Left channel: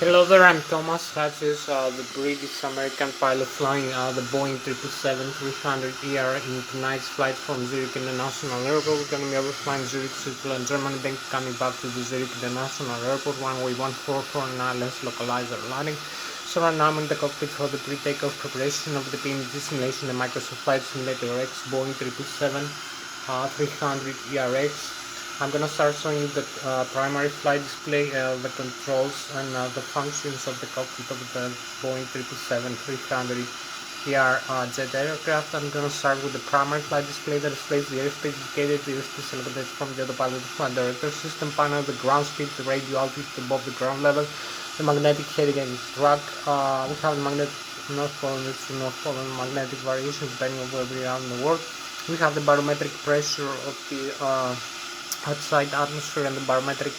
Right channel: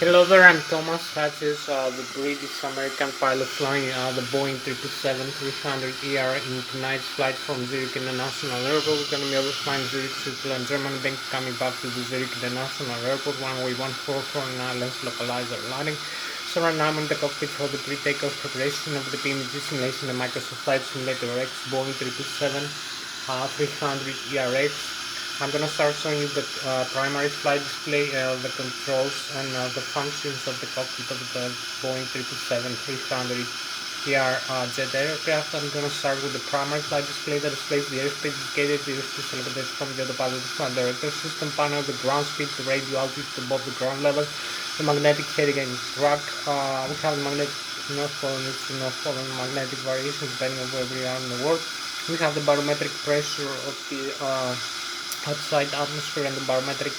Hello there, I'm Thomas Hatsios, the British American pilot flying the Boeing 777-300ER in tonight's flight from Zurich International Airport. We're going to be overflying Zurich, Switzerland, Germany, then coming back to the Zurich International Airport, runway 144 Lszh localizer landing. So right now I'm in the cockpit for the pre-takeoff preparation of the PMG simulation, the Microsoft Flight Simulator X Boeing 300ERX. I'm gonna start showing you the primary flight display, the controls and the functions of the cockpit of the Boeing 777-300 jet aircraft. I'm gonna start with the primary flight display that displays the airspace indicated, the airspace selected from the autopilot flight director system panel, the ground speed, the radio altitude above the ground level, the magnetic heading and track. We have the magnetic north pole and east north pole and magnetic variations depending on where we are in the world. We have the barometric pressure of the outside atmosphere and the barometric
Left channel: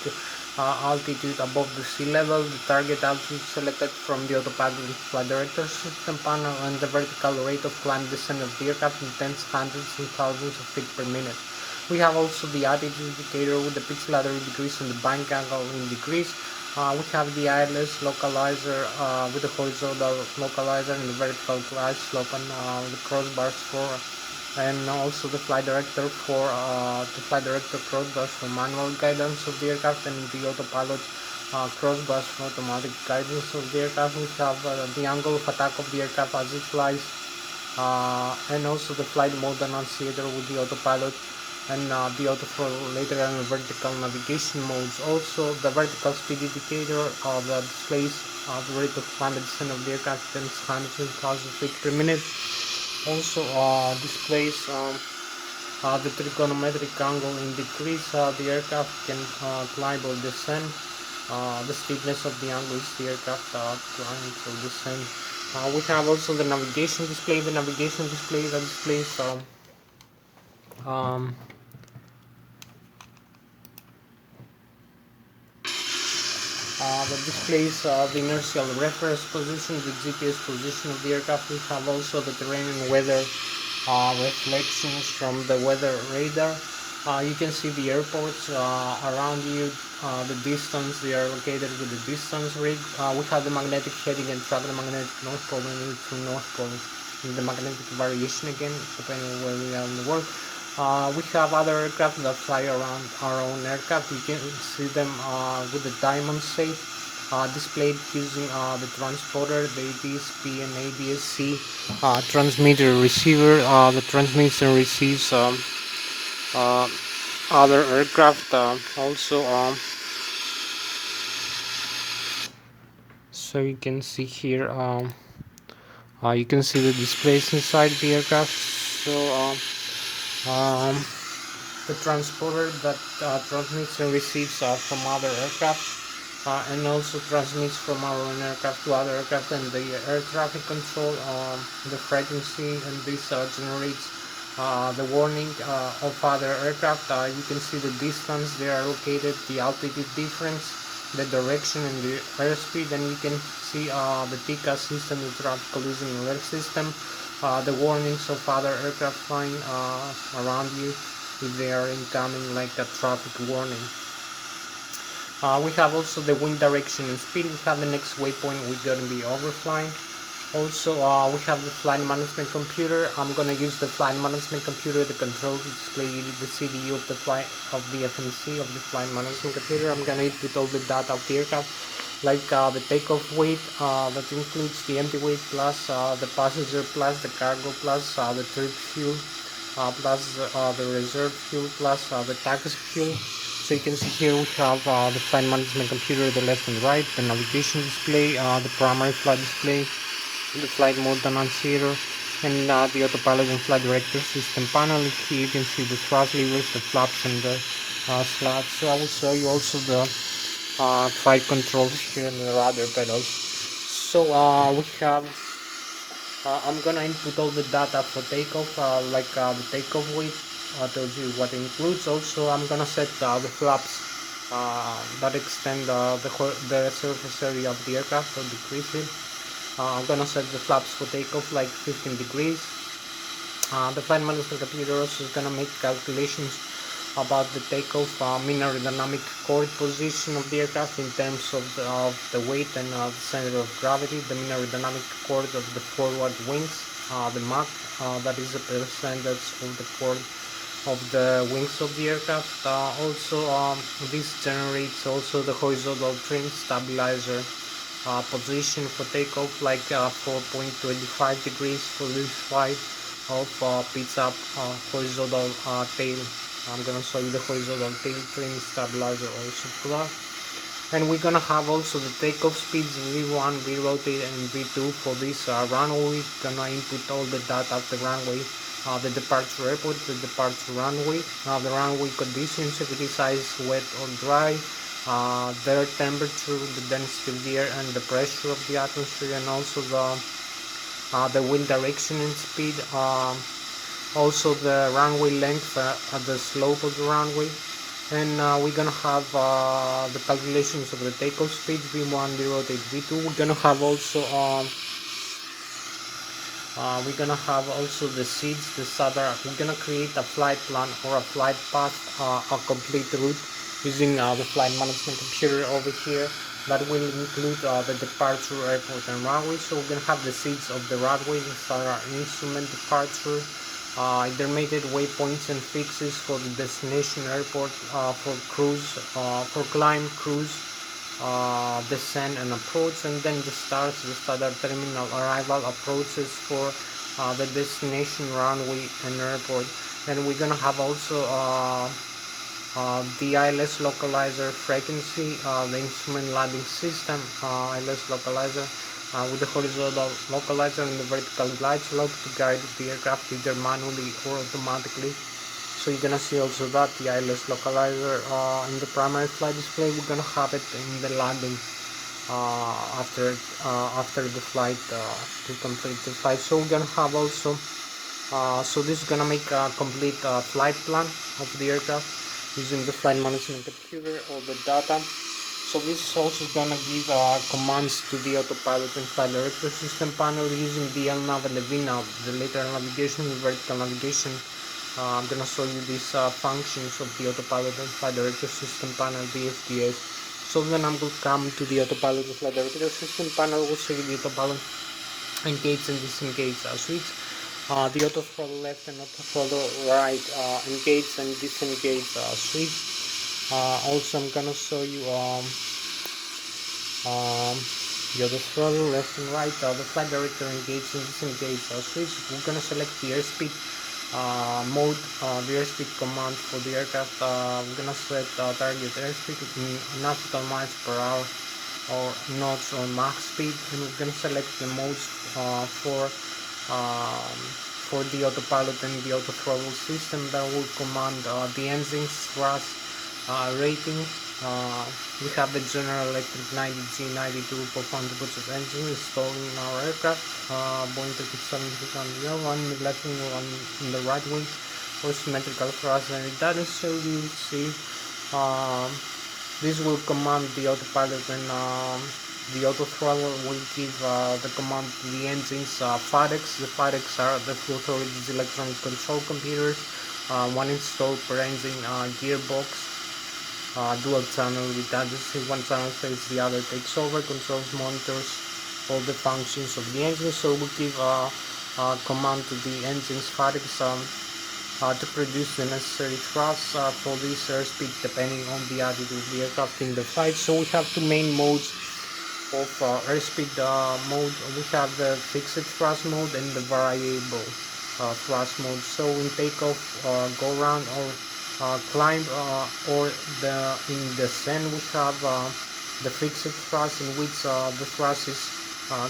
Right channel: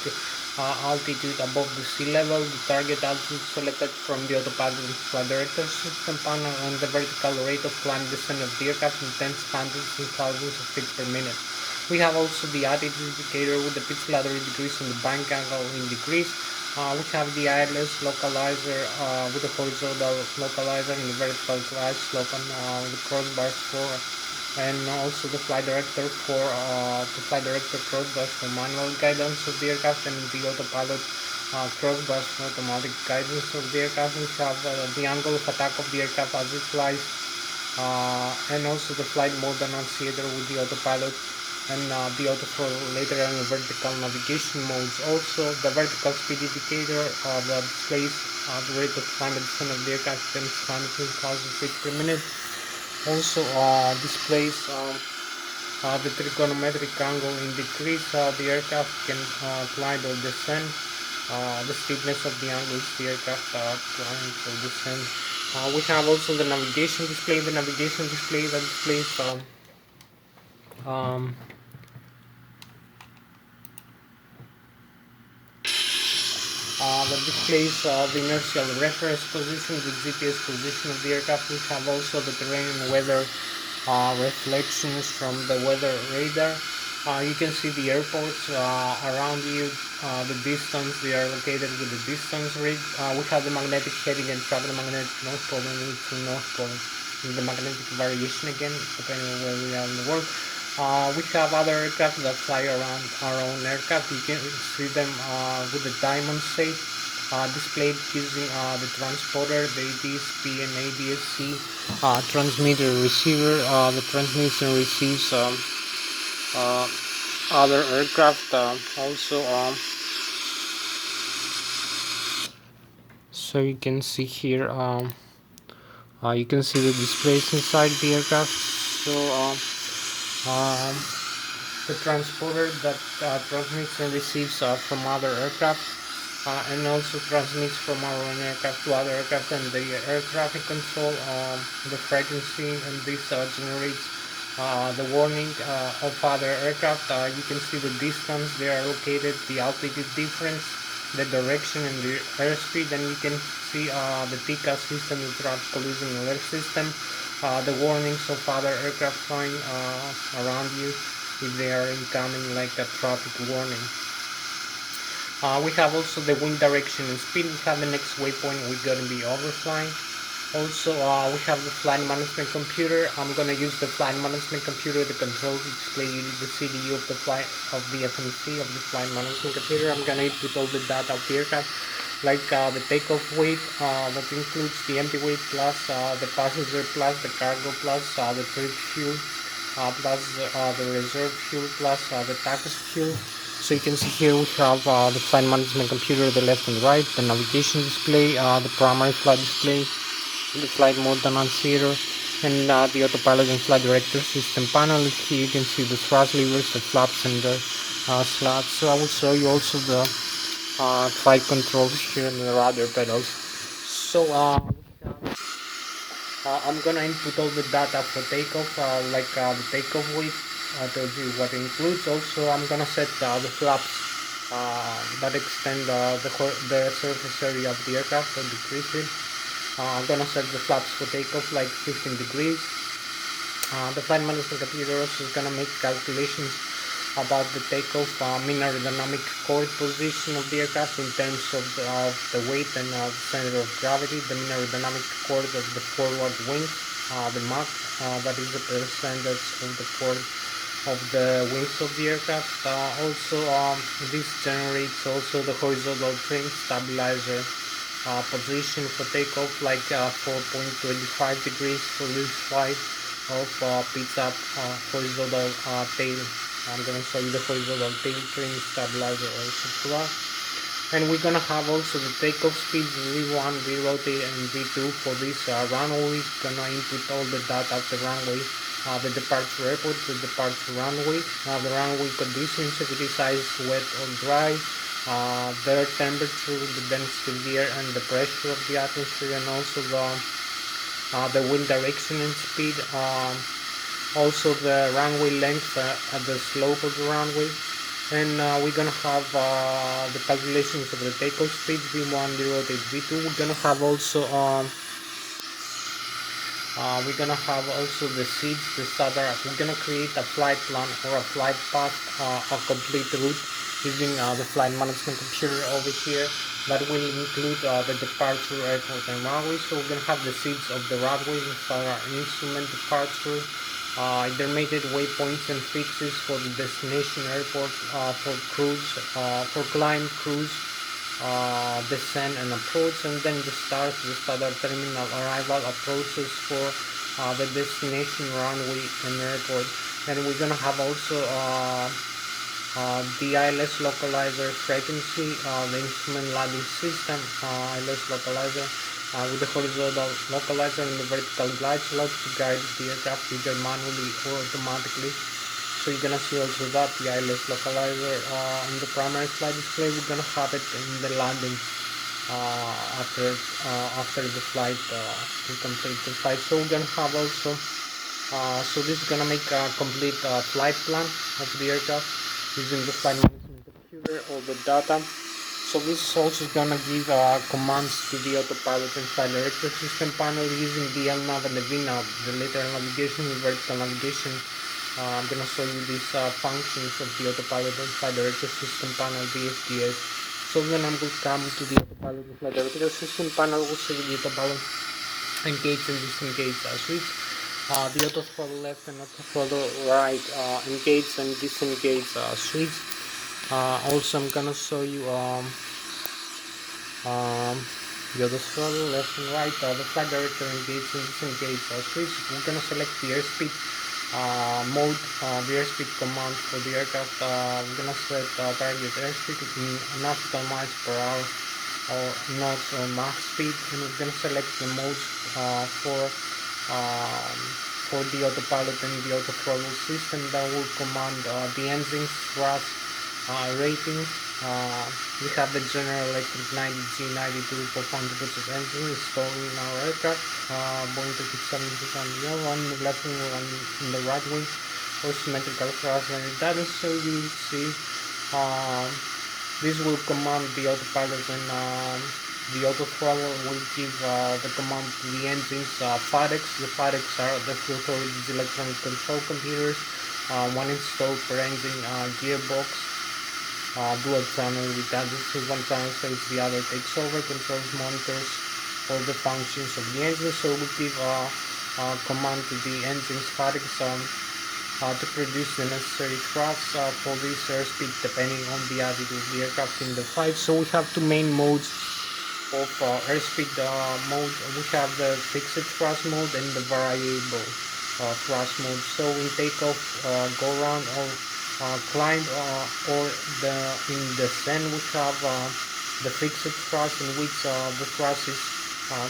altitude above the sea level, the target altitude selected from the autopilot flight director system panel, and the vertical rate of climb descent of the aircraft in tens, hundreds, and thousands of feet per minute. We have also the altitude indicator with the pitch ladder in degrees and the bank angle in degrees. We have the Lszh localizer with the horizontal localizer and the vertical glide slope and the crossbars for, and also the flight director for crossbars for manual guidance of the aircraft, and the autopilot crossbars for automatic guidance of the aircraft. We have the angle of attack of the aircraft as it flies, and also the flight mode annunciator with the autopilot and the autothrottle later and the vertical navigation modes. Also the vertical speed indicator that displays the rate of climb and descent of the aircraft 10,000 feet per minute. Also displays the trigonometric angle in degrees the aircraft can climb or descend. The steepness of the angle is the aircraft climbs or descends. We have also the navigation display. The navigation display that displays um, that displays the inertial reference position, the GPS position of the aircraft. We have also the terrain and weather reflections from the weather radar. You can see the airports around you, the distance they are located with the distance rig. We have the magnetic heading and track, the magnetic north pole and to north pole, and the magnetic variation again depending on where we are in the world. We have other aircraft that fly around our own aircraft. You can see them with the diamond shape displayed using the transponder, the ADS-B and ADS-C transmitter receiver. The transmitter receives uh, other aircraft also. So you can see here, you can see the displays inside the aircraft. So the transporter that transmits and receives from other aircraft, and also transmits from our own aircraft to other aircraft, and the air traffic control, the frequency, and this generates the warning of other aircraft. You can see the distance they are located, the altitude difference, the direction, and the airspeed, and you can see the TCAS system, the traffic collision alert system, the warnings of other aircraft flying around you if they are incoming, like a traffic warning. We have also the wind direction and speed. We have the next waypoint we're going to be overflying. Also we have the flight management computer. I'm going to use the flight management computer, the control to display the CDU of the flight of the FMC of the flight management computer. I'm going to input all the data of the aircraft, like the takeoff weight that includes the empty weight plus the passenger plus the cargo plus the trip fuel plus the reserve fuel plus the package fuel. So you can see here we have the flight management computer, the left and right, the navigation display, the primary flight display, the flight mode annunciator, and the autopilot and flight director system panel. Here you can see the thrust levers, the flaps, and the slats. So I will show you also the flight controls here and the rudder pedals. So we have I'm gonna input all the data for takeoff, like the takeoff weight tells you what it includes. Also I'm gonna set the flaps that extend the surface area of the aircraft or decrease it. I'm gonna set the flaps for takeoff like 15 degrees. The flight management computer also is gonna make calculations about the takeoff, mean aerodynamic chord position of the aircraft in terms of the weight and the center of gravity, the mean aerodynamic chord of the forward wings, the Mach, that is the percentage of the chord of the wings of the aircraft. Also, this generates also the horizontal trim stabilizer position for takeoff, like 4.25 degrees for Lszh of pitch up horizontal tail. I'm gonna show you the horizontal tail trim stabilizer also for that. And we're gonna have also the takeoff speeds V1, V-rotate and V2 for this runway. We're gonna input all the data of the runway, the departure airport, the departure runway, the runway conditions, if it is ice, wet or dry, the air temperature, the density of the air and the pressure of the atmosphere, and also the wind direction and speed, also the runway length at the slope of the runway. And we're gonna have the calculations of the takeoff speeds, V1, V-rotate, V2. We're gonna have also the seeds, the SADA. We're gonna create a flight plan or a flight path, a complete route using the flight management computer over here. That will include the departure, airport and runway. So we're gonna have the seeds of the runway, the SADA instrument departure, intermediate waypoints and fixes for the destination airport, for cruise, for climb, cruise, descent and approach, and then the start, the standard terminal arrival approaches for the destination runway and airport. And we're gonna have also the Lszh localizer frequency, the instrument landing system, Lszh localizer, with the horizontal localizer and the vertical glide slope to guide the aircraft either manually or automatically. So you're gonna see also that the Lszh localizer in the primary flight display. We're gonna have it in the landing after the flight, to complete the flight. So we're gonna have also so this is gonna make a complete flight plan of the aircraft using the flight management computer, all the data. So this is also gonna give commands to the autopilot and flight director system panel using the LNAV and the VNAV, the lateral navigation and vertical navigation. I'm gonna show you these functions of the autopilot and flight director system panel, the SDS. So then I'm going to come to the autopilot and flight director system panel, which is the autopilot engage and disengage switch. The auto throttle left and auto throttle right engage and disengage switch. Also I'm gonna show you the auto throttle left and right, the flight director engage and disengage switch. We're gonna select the airspeed mode, the airspeed command for the aircraft. We're gonna set target airspeed in nautical miles per hour or knots or Mach speed, and we're gonna select the modes for the autopilot and the auto throttle system that will command the engines, thrust, rating. We have the General Electric 90G92 performance engine installed in our aircraft, Boeing 737, one in the left wing, one in the right wing, for symmetrical thrust and redundancy. So you will see this will command the autopilot, and the auto throttle will give the command to the engines. FADECs, the FADECs are the Flught Authority's electronic control computers, one installed per engine gearbox, dual channel redundancy, one channel fails, the other takes over, controls, monitors all the functions of the engine. So we give command to the engines FADECs to produce the necessary thrust for this airspeed depending on the attitude of the aircraft in the flight. So we have two main modes of airspeed mode. We have the fixed thrust mode and the variable thrust mode. So in takeoff, go around or climb, or in descent, we have the fixed thrust, in which the thrust is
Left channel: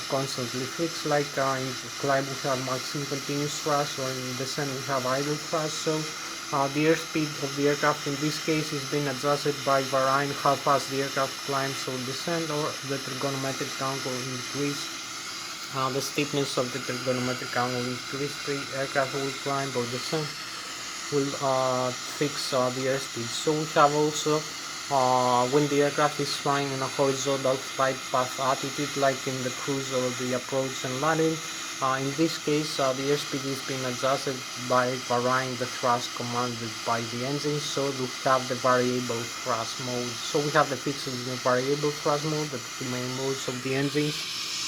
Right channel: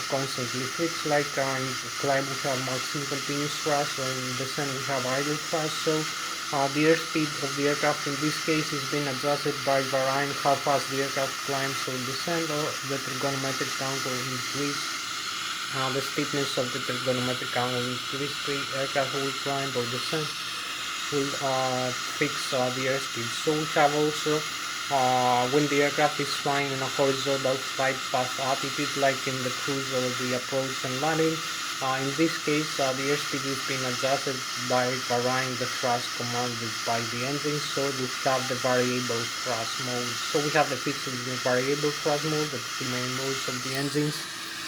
constantly fixed. Like in climb we have maximum continuous thrust, or in descent we have idle thrust. So the airspeed of the aircraft in this case is being adjusted by varying how fast the aircraft climbs or descends, or the trigonometric angle increase. The steepness of the trigonometric angle increase, the aircraft will climb or descend will fix the airspeed. So we have also when the aircraft is flying in a horizontal flight path attitude, like in the cruise or the approach and landing, In this case, the airspeed is being adjusted by varying the thrust commanded by the engine, so we have the variable thrust mode. So we have the fixed and the variable thrust mode, the two main modes of the engines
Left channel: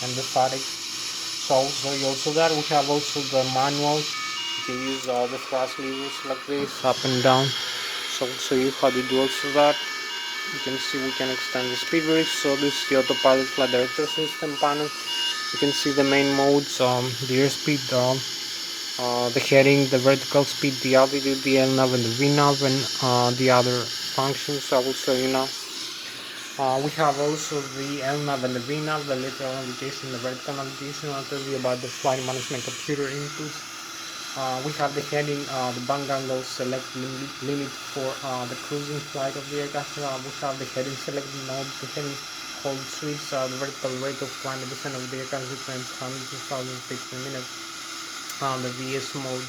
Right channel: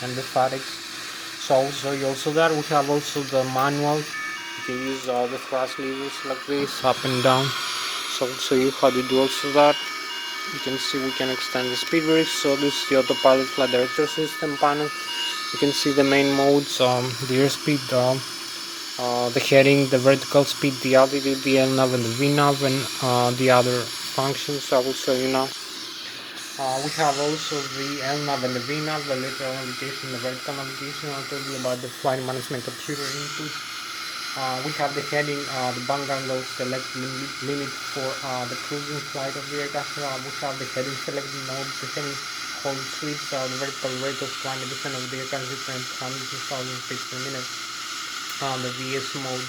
and the fatigue. So I'll show you also that. We have also the manual. You can use the thrust levers like this, up and down. So I'll show you how to do also that. You can see we can extend the speed brakes. So this is the autopilot flight director system panel. You can see the main modes, the airspeed, the heading, the vertical speed, the altitude, the LNAV and the VNAV, and the other functions I will show you now. We have also the LNAV and the VNAV, the lateral navigation, the vertical navigation. I'll tell you about the flight management computer input. We have the heading, the background select limit for the cruising flight of the aircraft. We have the heading select node, the heading hold switch, the vertical rate of climb descent of the aircraft depends 100,000 feet per minute. The VS mode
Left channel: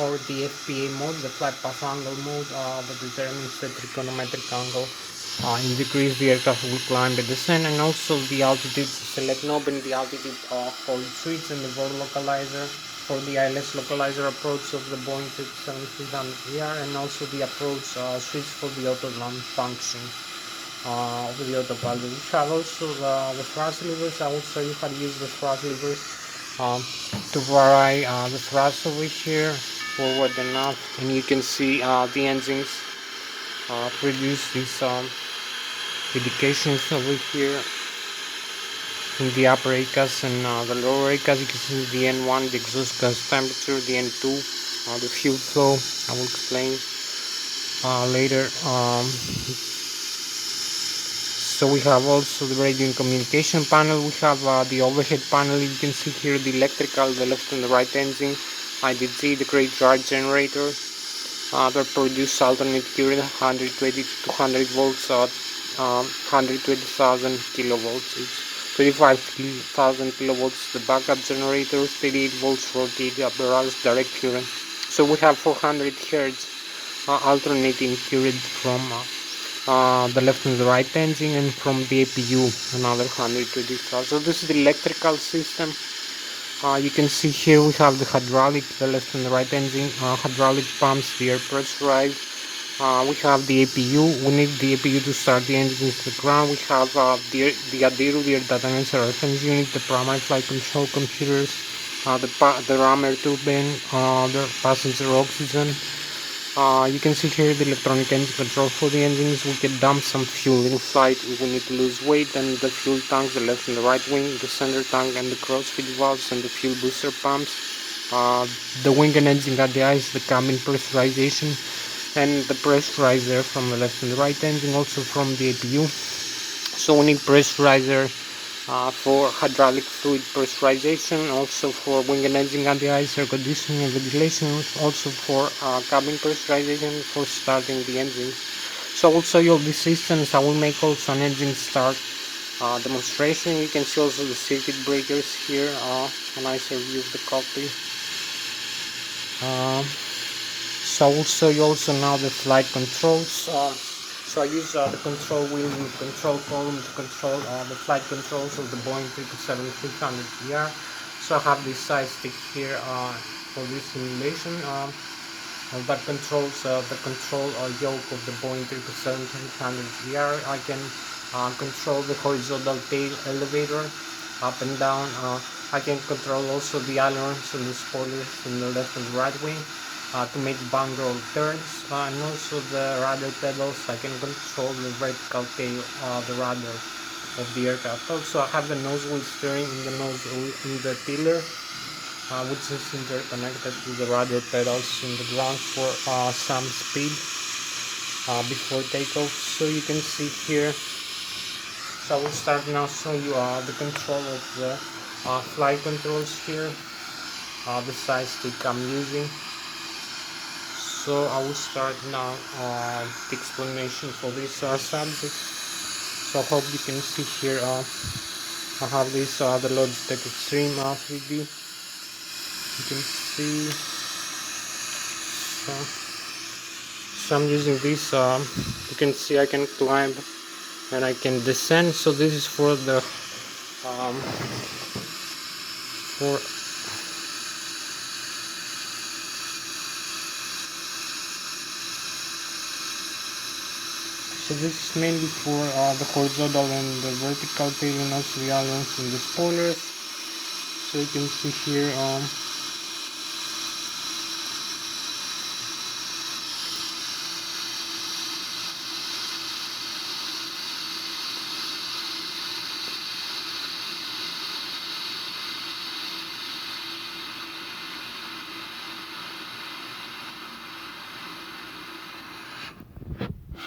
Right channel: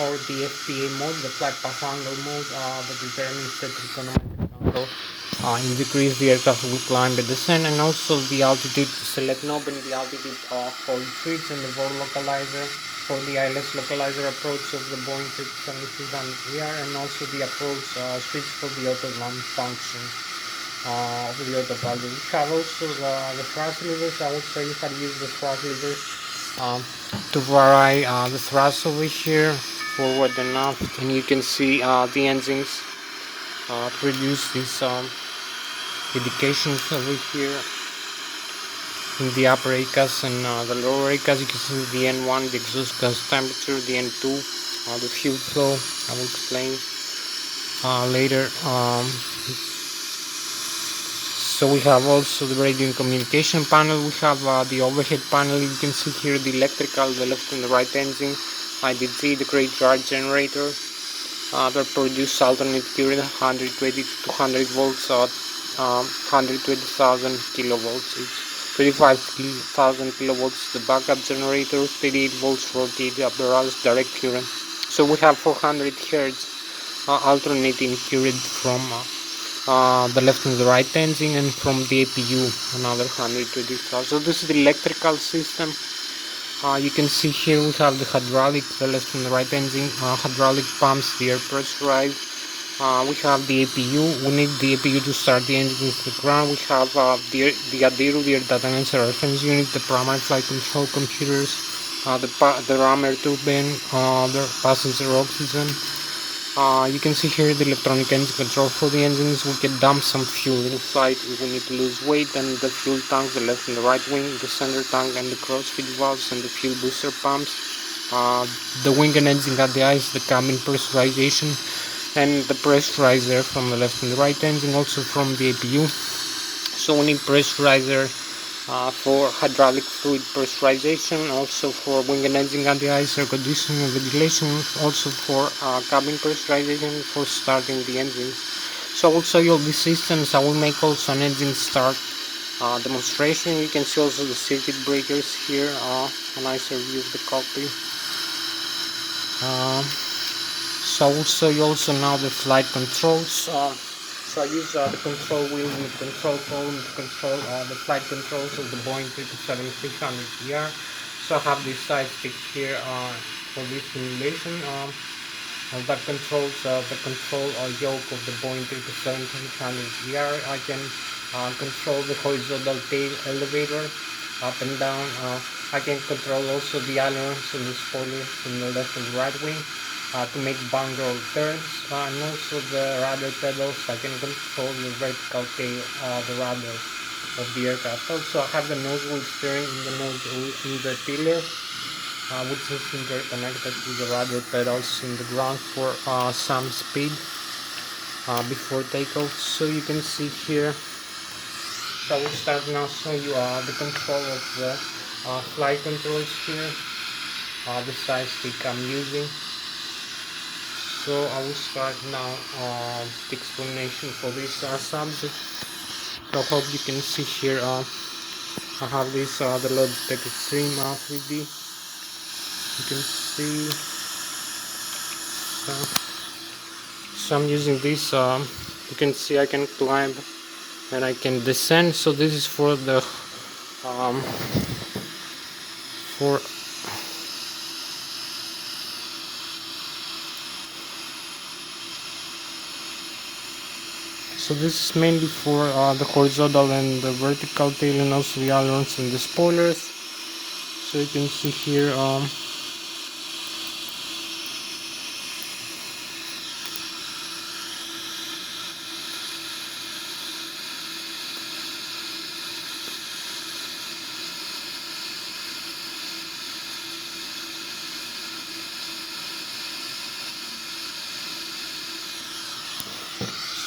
or the FPA mode, the flight path angle mode, that determines the trigonometric angle in decrease the aircraft will climb and descend, and also the altitude select knob and the altitude hold switch, and the VOR localizer for the Lszh localizer approach of the Boeing 777ER, and also the approach switch for the auto land function of the autopilot. We have also the thrust levers. I will show you how to use the thrust levers to vary the thrust over here, forward and aft, and you can see the engines produce these indications over here in the upper ACAS and the lower ACAS. You can see the N1, the exhaust gas temperature, the N2, the fuel flow. I will explain later. So we have also the radio and communication panel. We have the overhead panel. You can see here the electrical, the left and the right engine, IDT, the great drive generator that produce alternate current 120 to 200 volts, 120,000 kilovolts, 25,000 kilovolts the backup generator, 38 volts for the barrage direct current. So we have 400 hertz alternating current from the left and the right engine, and from the APU another 120,000. So this is the electrical system. You can see here we have the hydraulic, the left and the right engine, hydraulic pumps, the air pressurized. We have the APU. We need the APU to start the engine to the ground. We have the ADIRU, the air data answer reference unit, the primary flight control computers, the rammer turbine, the passenger oxygen. You can see here the electronic engine control for the engines. We can dump some fuel in flight if we need to lose weight, and the fuel tanks, the left and the right wing, the center tank and the crossfeed valves, and the fuel booster pumps, the wing and engine ADIs, the cabin pressurization, and the pressurizer from the left and the right engine, also from the APU. So we need pressurizer for hydraulic fluid pressurization, also for wing and engine ADIs, air conditioning and ventilation, also for cabin pressurization for starting the engines. So I will show you all these systems. I will make also an engine start demonstration. You can see also the circuit breakers here, a nicer view of the cockpit. So I will show you also now the flight controls. So I use the control wheel and the control column to control the flight controls of the Boeing 777-300ER. So I have this side stick here for this simulation that controls the control yoke of the Boeing 777-300ER. I can control the horizontal tail elevator up and down. I can control also the ailerons and the spoilers in the left and right wing to make bang roll turns, and also the rudder pedals. I can control the vertical tail, the rudder of the aircraft. Also I have the nose wheel steering in the nose wheel in the tiller, which is interconnected to the rudder pedals in the ground for some speed before takeoff. So you can see here. So I will start now show you the control of the flight controls here, the side stick I'm using. So I will start now the explanation for this subject. So I hope you can see here. I have this the Logitech Extreme 3D. You can see. So I'm using this. You can see I can climb and I can descend. So this is for the So this is mainly for the horizontal and the vertical tail, and also the ailerons and the spoilers. So you can see here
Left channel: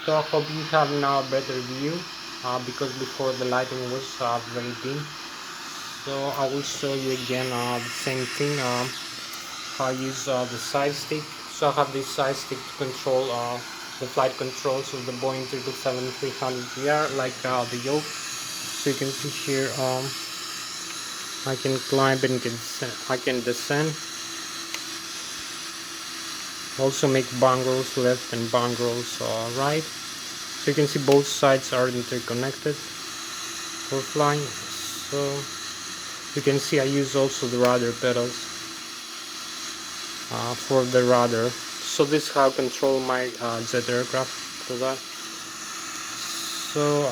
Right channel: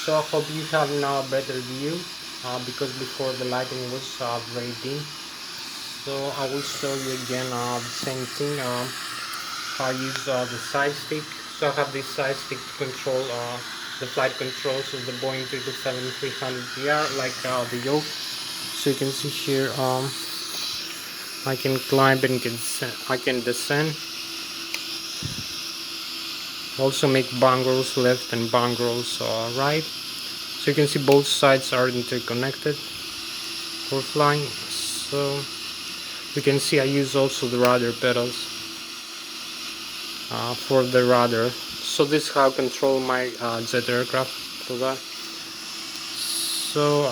so I hope you have now a better view because before the lighting was very dim. So I will show you again the same thing. I use the side stick. So I have this side stick to control the flight controls of the Boeing 777-300ER, like the yoke. So you can see here I can climb and I can descend. Also make bang rolls left and bang rolls right. So you can see both sides are interconnected for flying. So you can see I use also the rudder pedals for the rudder. So this is how I control my jet aircraft for that. So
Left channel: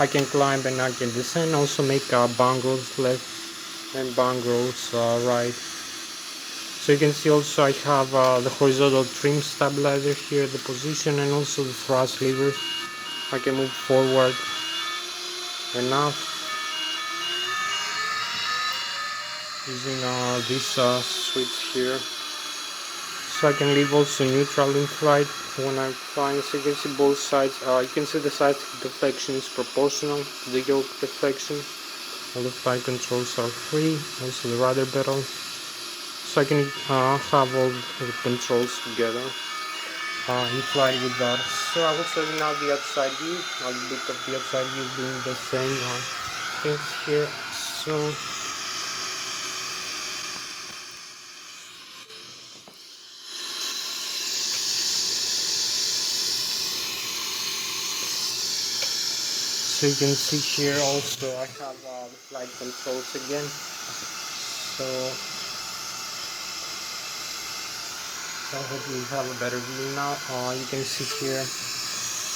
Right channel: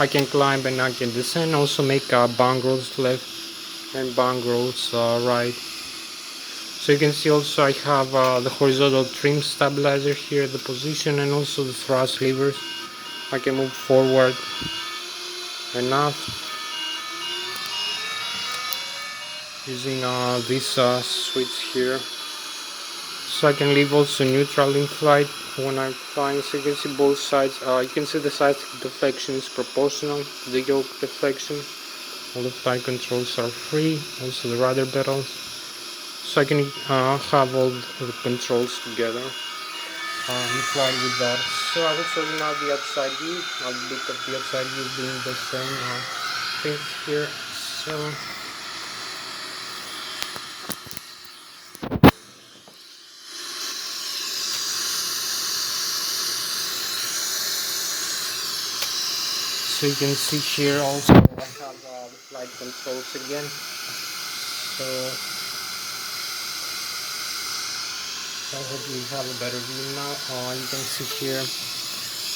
I can climb and I can descend. Also make bang rolls left and bang rolls right. So you can see also I have the horizontal trim stabilizer here, the position, and also the thrust levers. I can move forward and aft using this switch here. So I can leave also neutral in flight when I'm flying. So you can see both sides. You can see the side deflection is proportional to the yoke deflection. All the flight controls are free. Also the rudder pedals. So I can have all the controls together in flight with that. So I will show you now the outside view. I'll look at the outside view doing the same things here. So you can see here also I have the flight controls again. So I hope you have a better view now. You can see here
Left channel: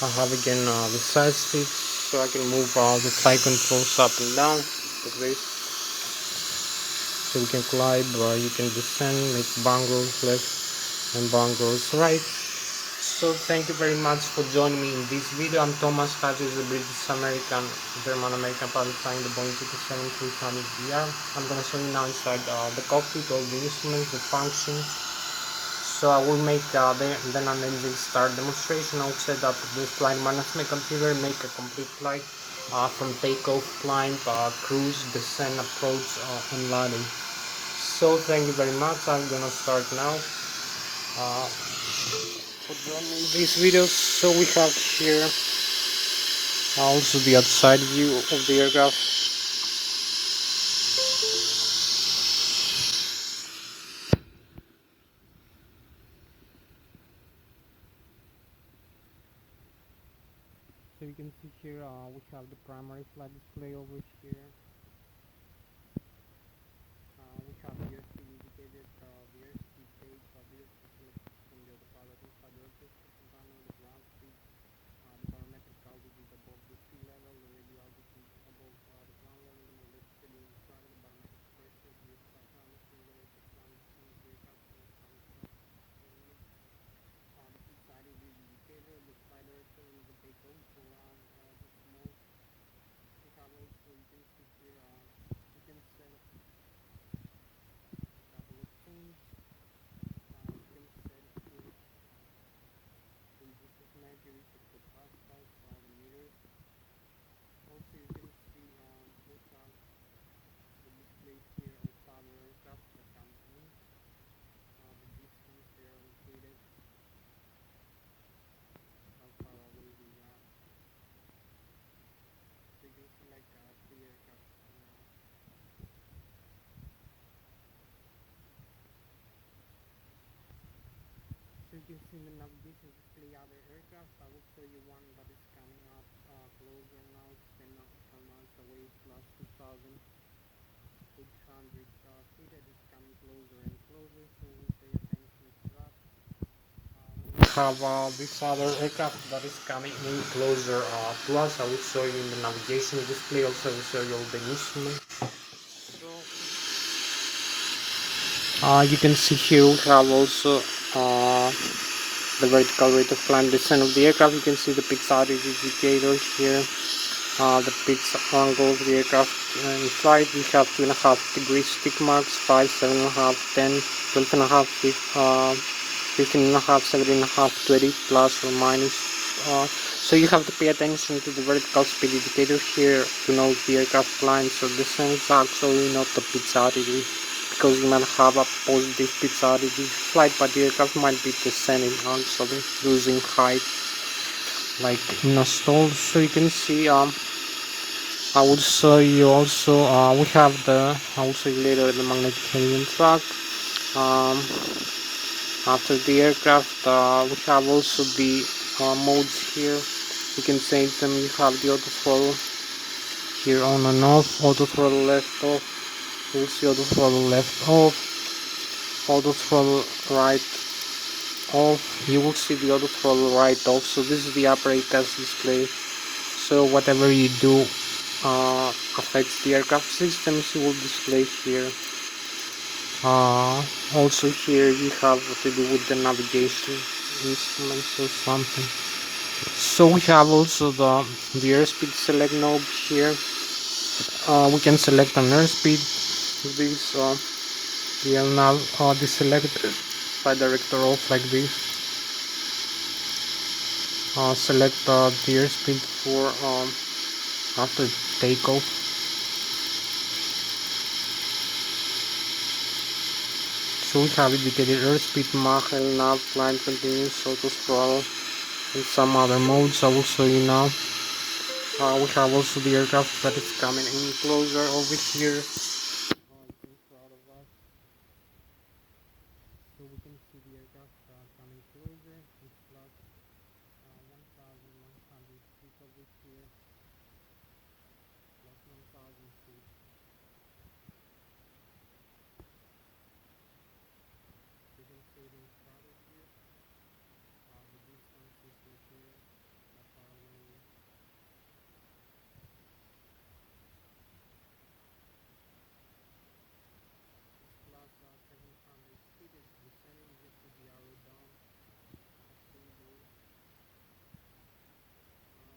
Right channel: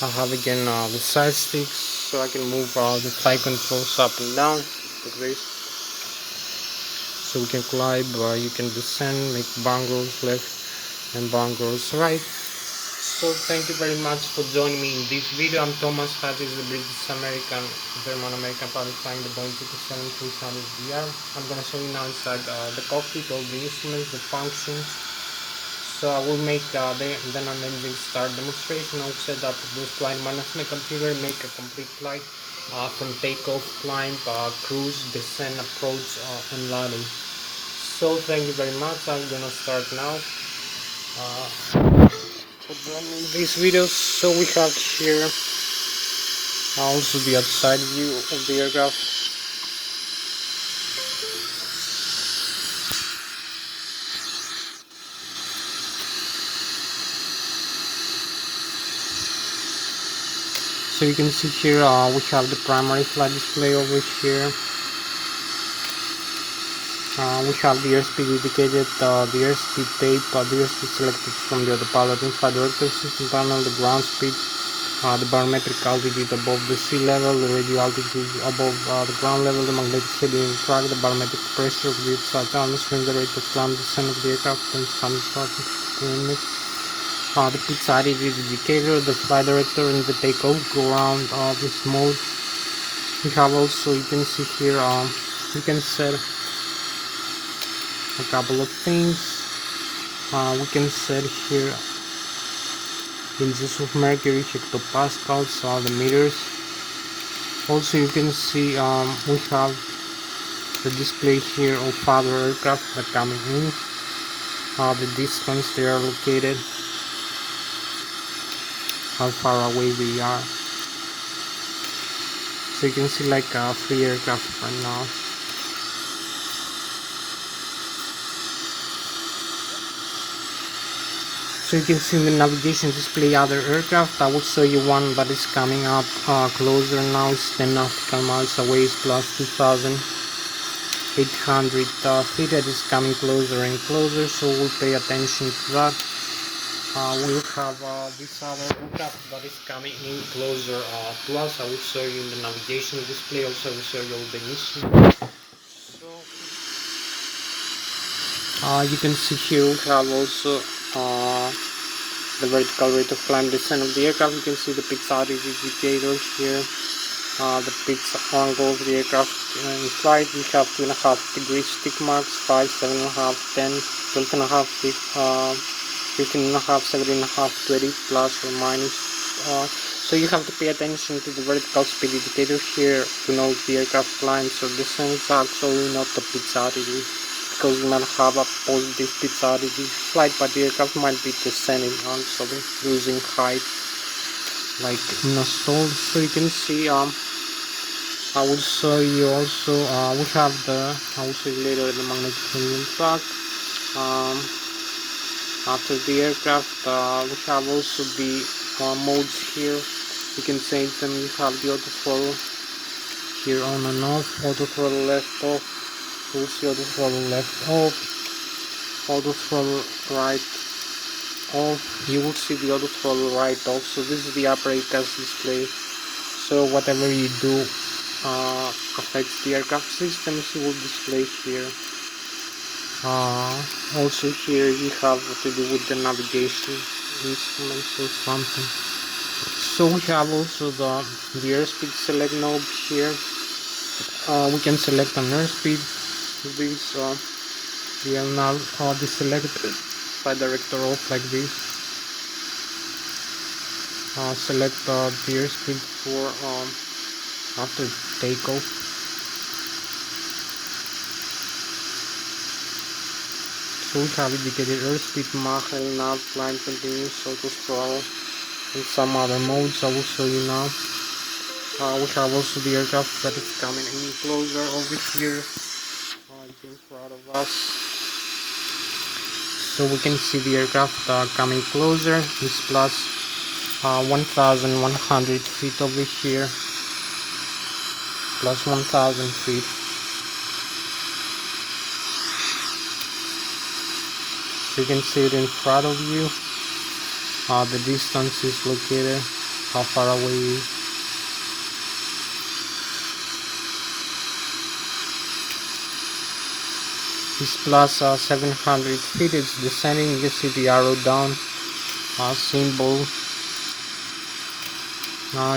I have again the side sticks, so I can move the flight controls up and down like this. So we can climb, you can descend, make bang rolls left and bang rolls right. So thank you very much for joining me in this video. I'm Thomas Hatsios, the British American, German American pilot flying the Boeing 777-300ER. I'm going to show you now inside the cockpit, all the instruments, the functions. So I will make then an engine start demonstration. I'll set up the flight management computer, make a complete flight from takeoff, climb, cruise, descent, approach, and landing. So thank you very much. I'm gonna start now. For these videos, so we have here also the outside view of the aircraft. So you can see here we have the primary flight display over here. We have the airspeed indicated, the airspeed tape, the airspeed selected from the autopilot in-flight director system panel, the ground speed, the barometric altitude above the sea level, the radio altitude above the ground level, the magnetic heading track, the barometric pressure of the outside atmosphere, the rate of climb descent of the aircraft, and some minutes. The pitch attitude indicator, the flight director, and the takeoff go around this mode. We have also, you can see here, you can set a couple of things. We can set here inches of mercury, hectopascals, the meters. Also you can see we have the display here of other aircraft that are coming in, the distance they are located, how far away we are. So you can see like 3 aircraft right now. So you can see in the navigation display other aircraft. I will show you one that is coming up closer now. It's 10 nautical miles away, it's plus 2,800 feet. It is coming closer and closer, so we'll pay attention to that. we have this other aircraft that is coming in closer to us. I will show you in the navigation display. Also, I will show you all the missions. So, you can see here we have also the vertical rate of climb descent of the aircraft. You can see the pitch altitude indicator here. The pitch angle of the aircraft in flight. We have 2.5 degrees tick marks, 5, 7.5, 10, 12.5, 15.5, 17.5, 20 plus or minus. So you have to pay attention to the vertical speed indicator here to know if the aircraft climbs or descends, actually not the pitch altitude, because you might have a positive pitch altitude flight, but the aircraft might be descending, actually losing height, like in a stall. So you can see I will show you also we have I will show you later the magnetic helium track. After the aircraft we have also the modes here. You can change them. You have the auto throttle here on and off, auto throttle left off, you will see auto throttle left off, auto throttle right off, you will see the auto throttle right off. So this is the upper ACAS display, so whatever you do affects the aircraft systems, you will display here. Also here you have what to do with the navigation instruments or something. So we have also the airspeed select knob here. We can select an airspeed. This the nav deselected by director off like this. Select the airspeed for after takeoff. So we have indicated airspeed, Mach, nav, climb, continuous, auto throttle, and some other modes I will show you now. We have also the aircraft that is coming in closer over here, in front of us. So we can see the aircraft coming closer. It's plus 1,100 feet over here, plus 1,000 feet. So you can see it in front of you. The distance is located, how far away it is. It's plus 700 feet. It's descending. You see the arrow down symbol.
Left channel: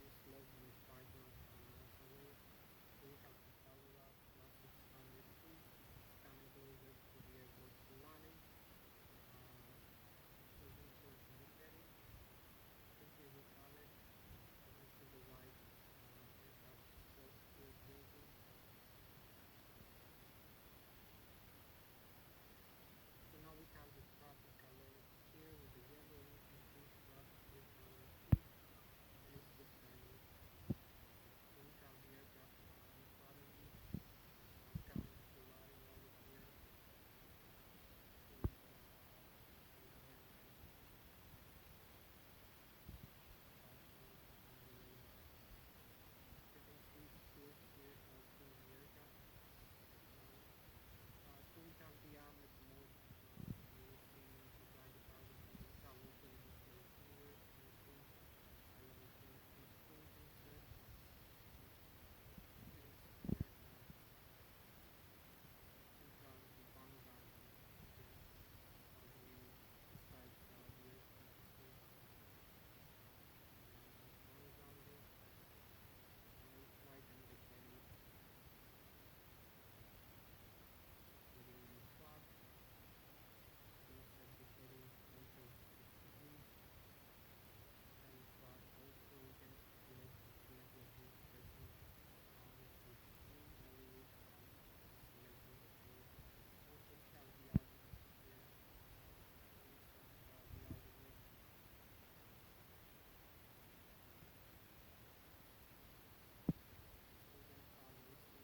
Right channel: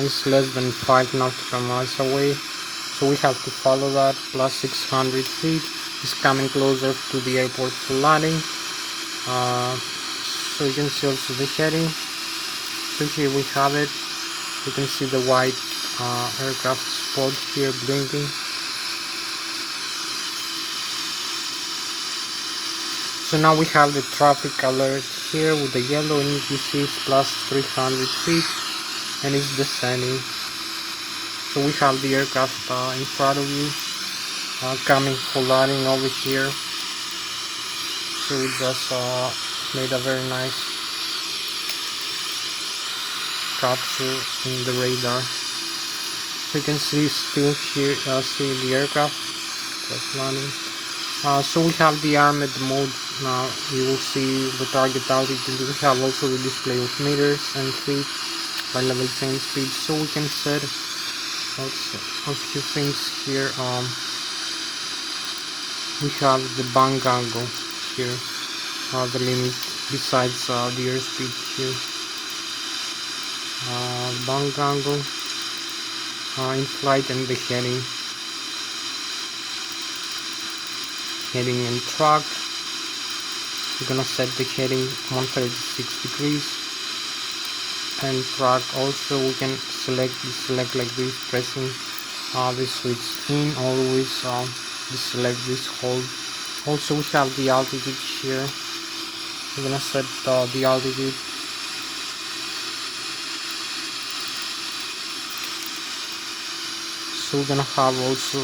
It's less than 5 nautical miles away, so we have to follow that. Plus 600 feet. It's coming closer to the airport for landing. So you can see also the heading. So here we have it. You can see the white aircraft spot here blinking. So now we have the traffic alert here with the yellow, and you see it's plus 300 feet and it's descending. So we have the aircraft in front of you coming for landing over here. So we just made a very nice capture in the radar. So you can see still here, see the aircraft just landing. So we have the armed mode. Now you will see the target altitude. We have also the display of meters and feet by level change speed. So we can set also a few things here. We have the bank angle here, the limit besides the airspeed here. Bank angle, in flight, and the heading and track. We're gonna set the heading 136 degrees, and track also we can select like this, pressing the switch in, always select this, hold. Also we have the altitude here. We're gonna set the altitude. So we're gonna have also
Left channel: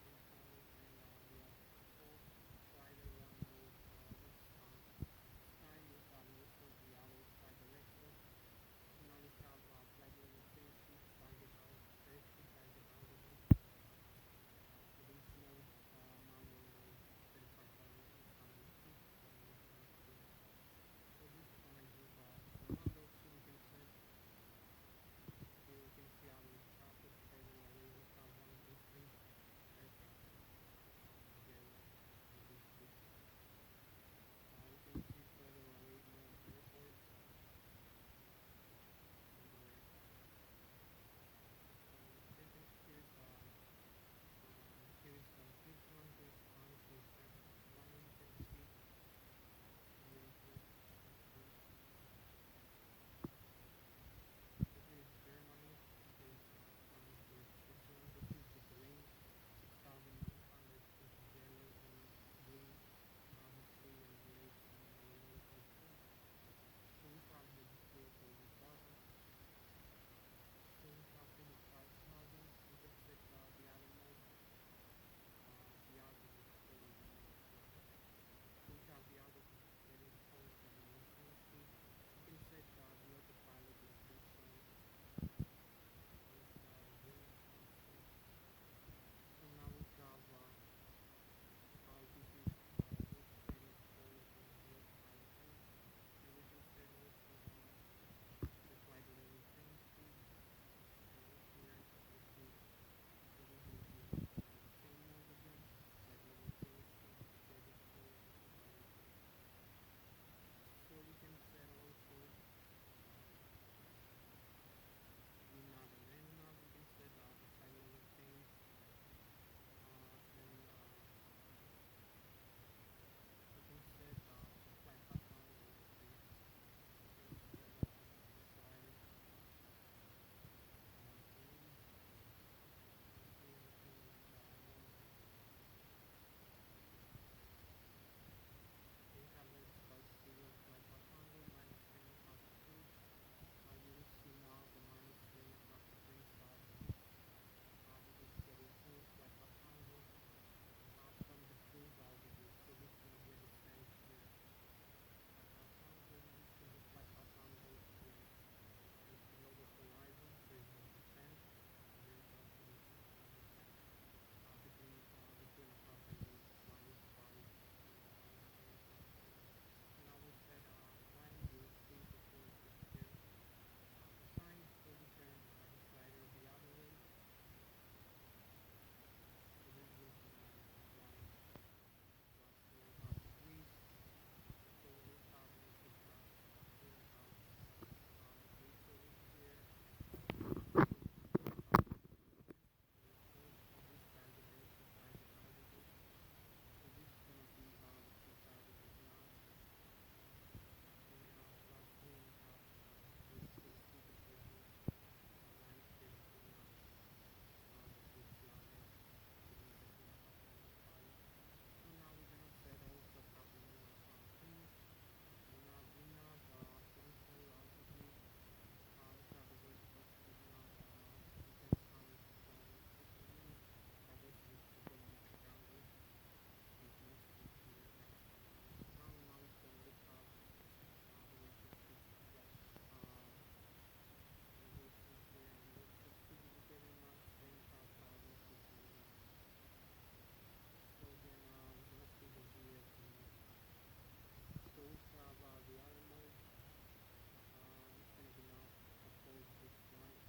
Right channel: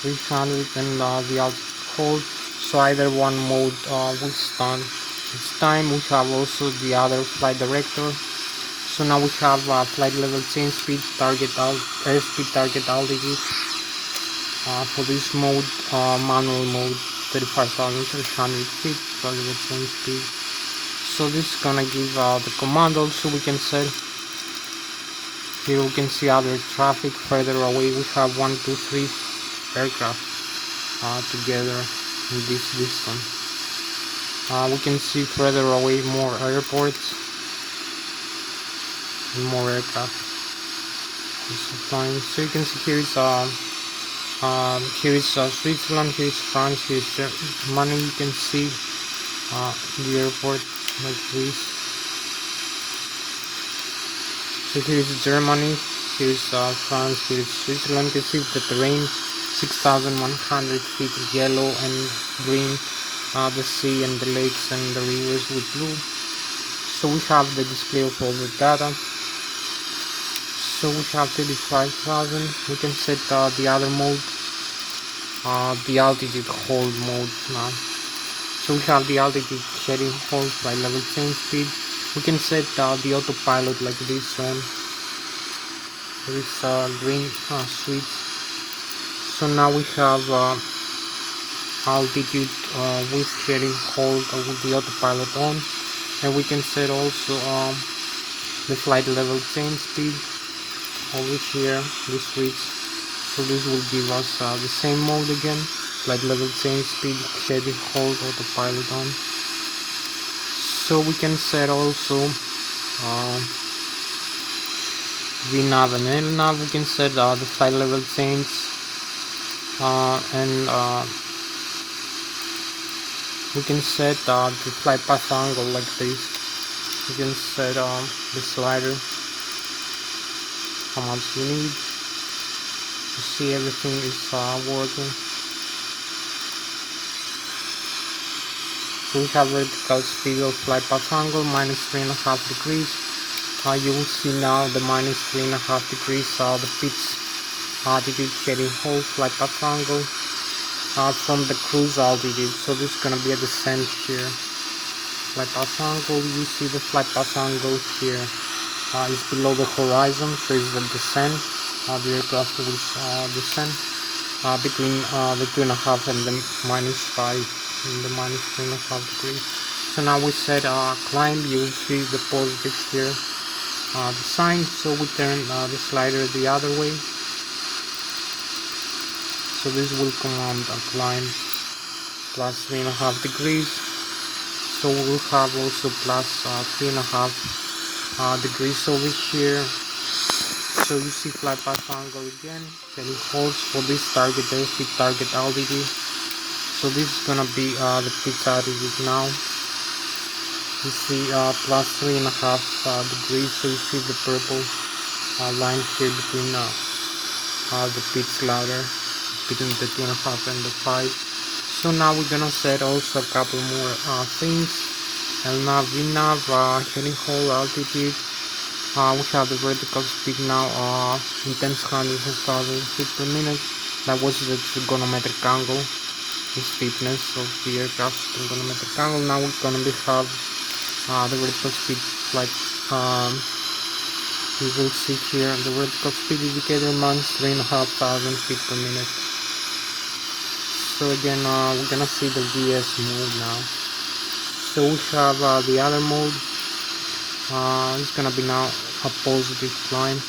300 and the altitude hold. So either one mode will stand its time. We have also the other flight director. So now we have flight level change speed, target airspeed, target altitude. For this mode, manual mode, 35,300 feet, flight level change speed. So this is gonna give the command. Also we can set here, we can see other traffic further away. We have 1, 2, 3 aircraft together in this distance. We can see further away more airports and more aircraft. So you can see here is Switzerland, here is France, here is Germany. You can see the airport like this. So here is Germany, here is France, here is Switzerland. You can see the terrain, 6,100 feet yellow and green, the sea and the lakes and the rivers with blue. So we have the display of all the data. So we have 35,000. We can set the other mode, the altitude hold mode now. So we have the altitude heading hold by level change speed. We can set the autopilot like this on. There is green switch. So now we have altitude with heading hold with the autopilot on, and we can set also the flight level change speed over here, this switch. So this will give us the same mode again, flight level change speed, heading hold, autopilot on. So we can set also VNAV and LNAV. We can set the flight level change and we can set the flight path angle like this. You can set the slider, how much you need. You see everything is working. So we have vertical speed of flight path angle -3.5 degrees. You will see now the -3.5 degrees the pitch altitude heading hold flight path angle from the cruise altitude. So this is gonna be a descent here. Flight path angle, you see the flight path angle here is below the horizon, so it's the descent. The aircraft will descend between the 2.5 and the -5 and the -3.5 degrees. So now we set climb. You will see the positive here, the sign. So we turn the slider the other way. So this will command a climb +3.5 degrees. So we will have also +3.5 degrees over here. So you see flight path angle again, heading holds for this target airspeed, target altitude. So this is gonna be the pitch altitude now. You see +3.5 degrees. So you see the purple line here between the pitch ladder, between the 2.5 and the 5. So now we're gonna set also a couple more things. LNAV, VNAV, heading hold, altitude. We have the vertical speed now in tens, hundreds, and thousands feet per minute. That was the trigonometric angle, the steepness of the aircraft trigonometric angle. Now we're gonna have the vertical speed, like you will see here the vertical speed indicator -3,500 feet per minute. So again, we're gonna see the VS mode now. So we have the other mode. It's gonna be now a positive climb,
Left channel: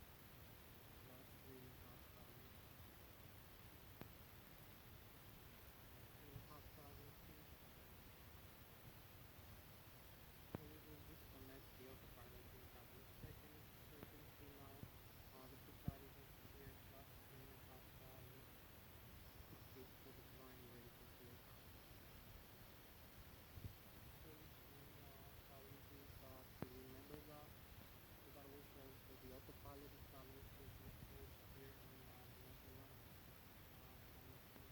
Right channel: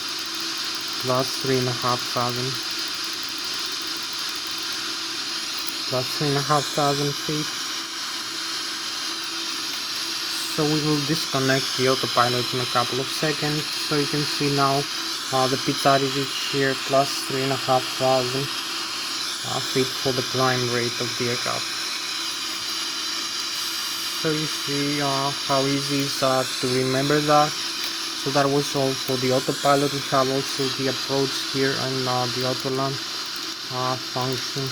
+3,500 feet. So we will disconnect the autopilot in a couple of seconds. So you can see now the pitch altitude here, +3,500 feet for the climb rate of the aircraft. So you see how easy it is to remember that. So that was all for the autopilot. We have also the approach here and the autoland function.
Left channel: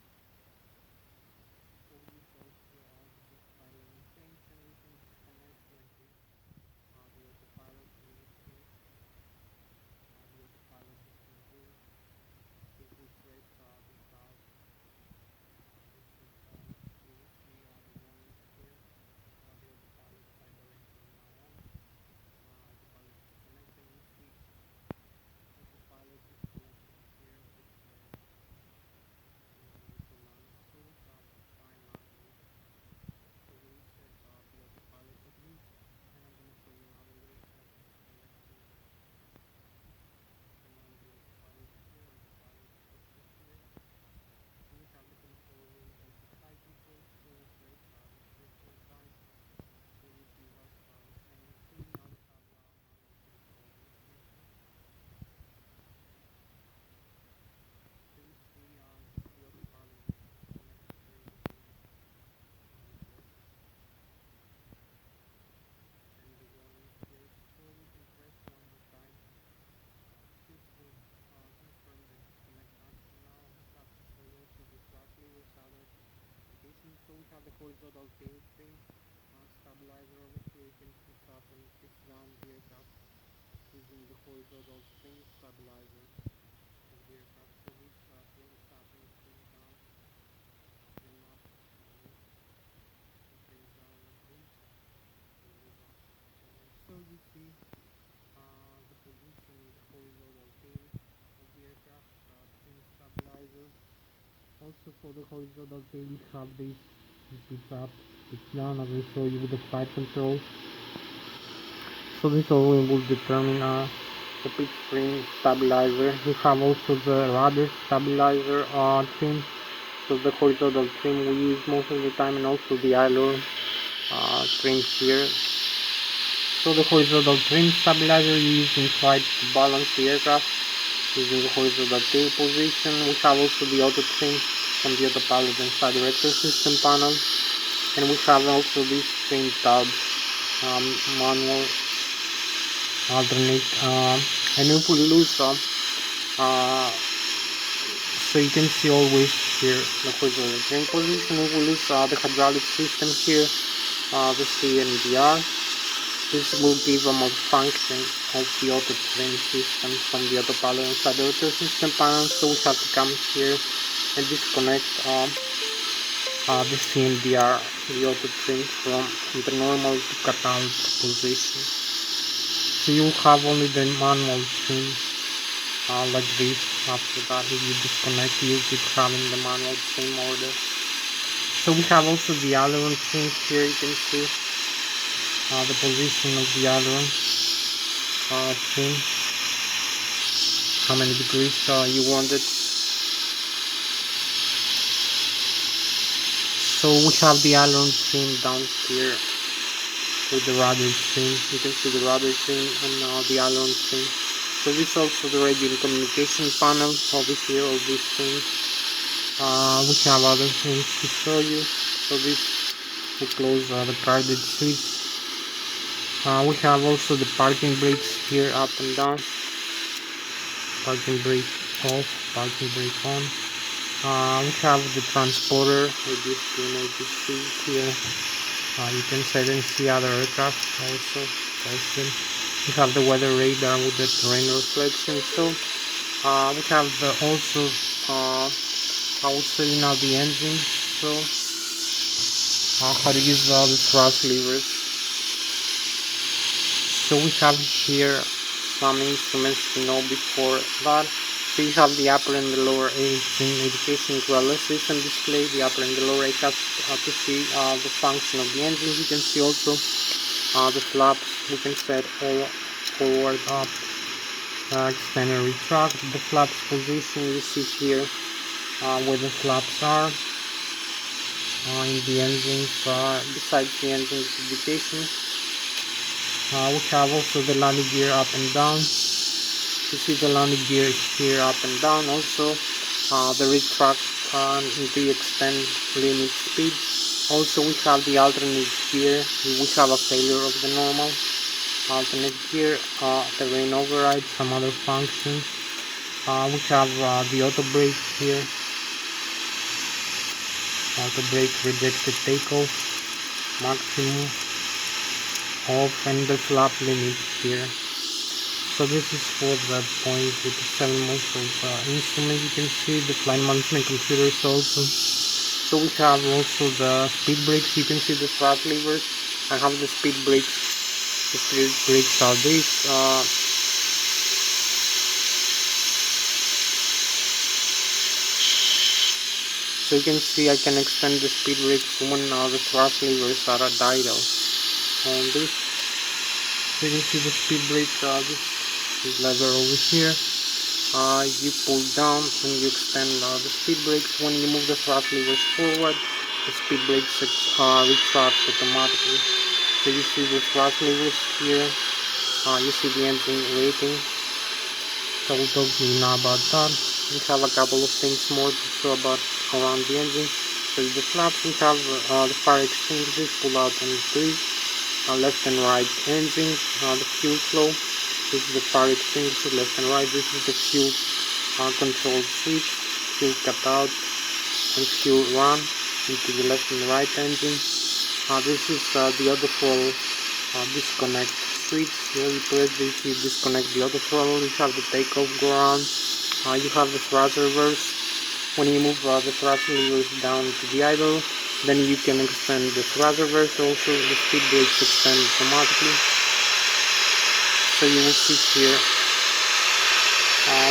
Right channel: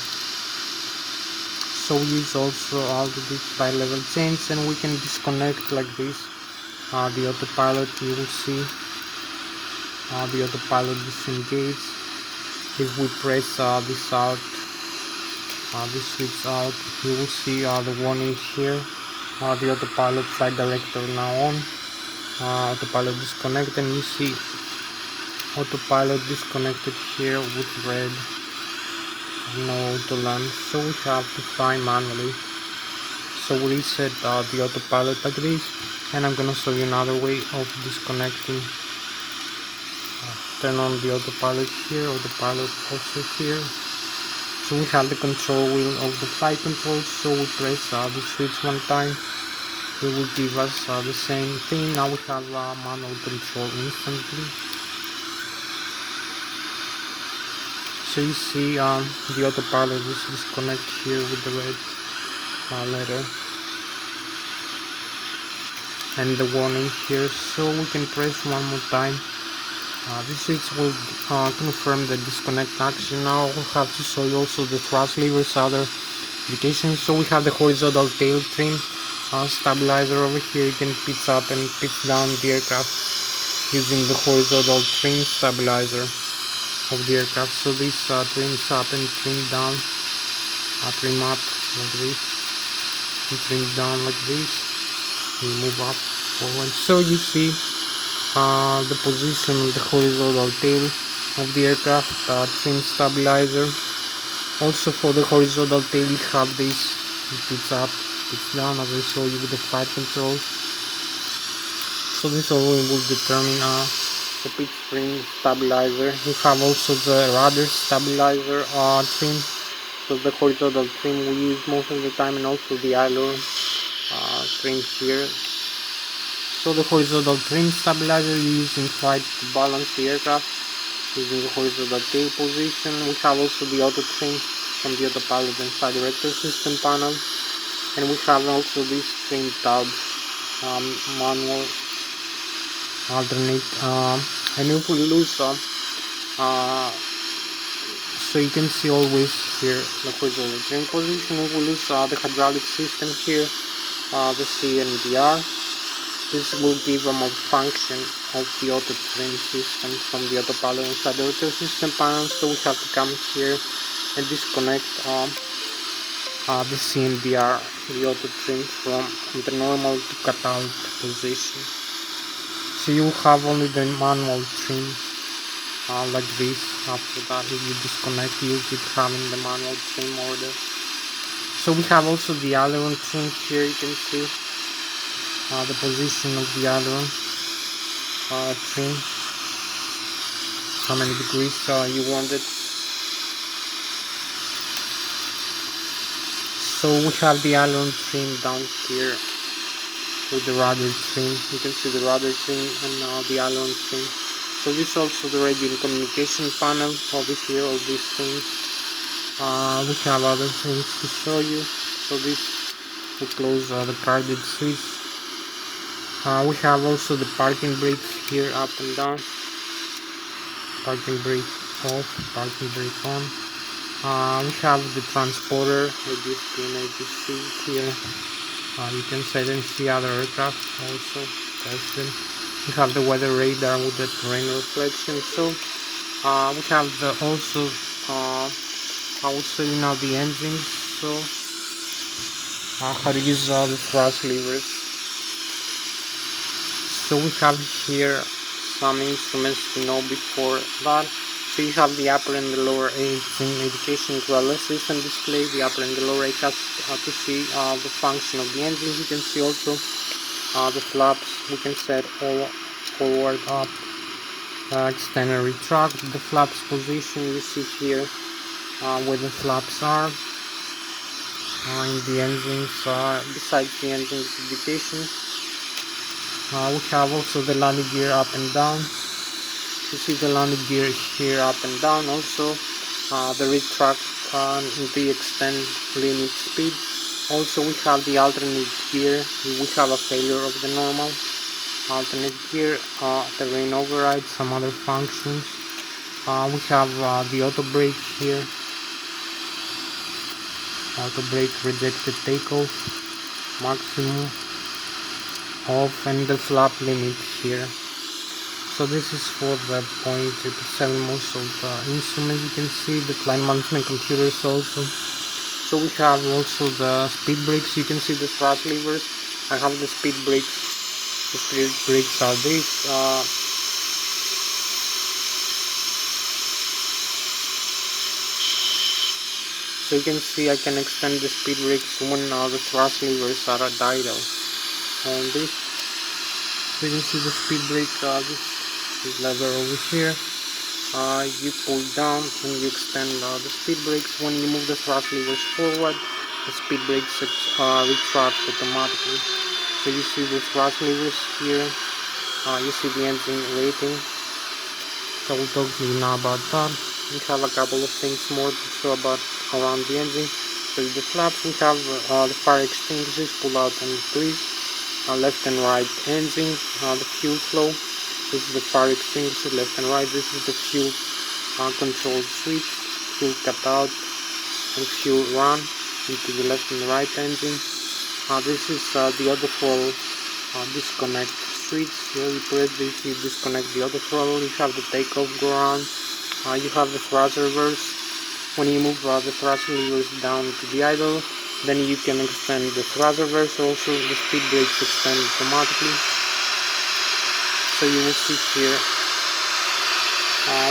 So we use also altitude flight level change, and we can disconnect like this the autopilot. You will see the autopilot disengage. If we press this out, this switch out, you will see the warning here. The autopilot flight director now on. Autopilot disconnected, and you see autopilot disconnected here with red, no autoland. So we have to find manually. So we reset the autopilot like this. And I'm gonna show you another way of disconnecting. Turn on the autopilot here, autopilot also here. So we have the control wheel of the flight control, so we press the switch one time, it will give us the same thing. Now we have manual control instantly. So you see the autopilot is disconnected here with the red letter and the warning here, so we can press one more time. This switch will confirm the disconnect action. Now we have to show you also the thrust levers, other indications. So we have the horizontal tail trim stabilizer over here. You can pitch up and pitch down the aircraft using the horizontal trim stabilizer of the aircraft. So this trims up and trim down, trim up like this, and trim down like this, and move up forward. So you see the position of the horizontal tail of the aircraft, trim stabilizer. Also for the horizontal tail you have this, it's up, it's down, as I show you with the flight control. So this always will determine the pitch trim stabilizer. You have also the rudder stabilizer trim, so the horizontal trim we use most of the time, and also the aileron trim here. So the horizontal trim stabilizer you use in flight to balance the aircraft using the horizontal tail position. We have also the auto trim from the autopilot and flight director system panel, and we have also these trim tabs, manual, alternate, and if we lose some, so you can see always here the horizontal trim position. If we lose the hydraulic system here, the C and the R, this will give a malfunction of the auto trim system from the autopilot and flight director system panel. So we have to come here and disconnect the CMDR, the auto trim, from the normal to cut-out position. So you have only the manual trim like this. After that, if you disconnect, you keep having the manual trim order. So we have also the aileron trim here. You can see the position of the aileron trim, how many degrees you want it. So we have the aileron trim down here with the rudder trim. You can see the rudder trim and the aileron trim. So this is also the radio and communication panel over here, all these things. We have other things to show you. So this will close the carded switch. We have also the parking brakes here, up and down. Parking brake off, parking brake on. We have the transponder, ADSP and ADC here. You can set and see other aircraft also. We have the weather radar with the terrain reflection. So we have the also I will show you now the engines. So how to use the thrust levers. So we have here some instruments to know before that. So you have the upper and the lower engine indication Lszh system display, the upper and the lower ACAS to see the function of the engine. You can see also the flaps. We can set all forward, up, extend and retract. The flaps position you see here where the flaps are in the engines, besides the engine's indication. We have also the landing gear up and down. You see the landing gear here up and down. Also the retract and the extend limit speed. Also we have the alternate gear. We have a failure of the normal alternate gear, terrain override, some other functions. We have the auto brake here. Auto brake rejected takeoff, maximum off, and the flap limit here. So this is for the 0.777 most of the instruments. You can see the flight management computers also. So we have also the speed brakes. You can see the thrust levers. I have the speed brakes. The speed brakes are these. So you can see I can extend the speed brakes when the thrust levers are at idle. On this. So you can see the speed brake, this lever over here. You pull down and you extend the speed brakes. When you move the thrust levers forward, the speed brakes retract automatically. So you see the thrust levers here. You see the engine rating. So we'll talk to you now about that. We have a couple of things more to show about around the engine. So the flaps, we have the fire extinguishers, pull out and increase, left and right engine, the fuel flow. This is the fire extinguisher, left and right. This is the fuel control switch, fuel cut out and fuel run into the left and right engine. This is the auto throttle disconnect switch. Here you press this, you disconnect the auto throttle. You have the takeoff ground. You have the thrust reverse. When you move the thrust levers down to the idle, then you can extend the thrust reverse. Also the speed brakes extend automatically. So you will see here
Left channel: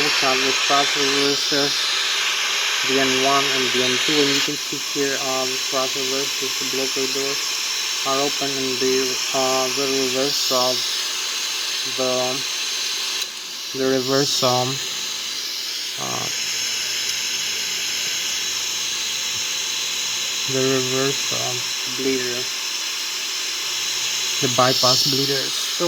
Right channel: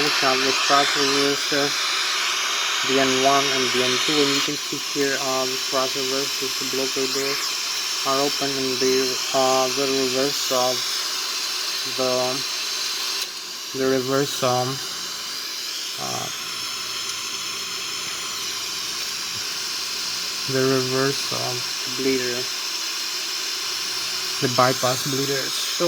we have the thrust reverser, the N1 and the N2, and you can see here the thrust reversers, the blocker doors are open, and the reverse the reverse bleeder, the bypass bleeder. So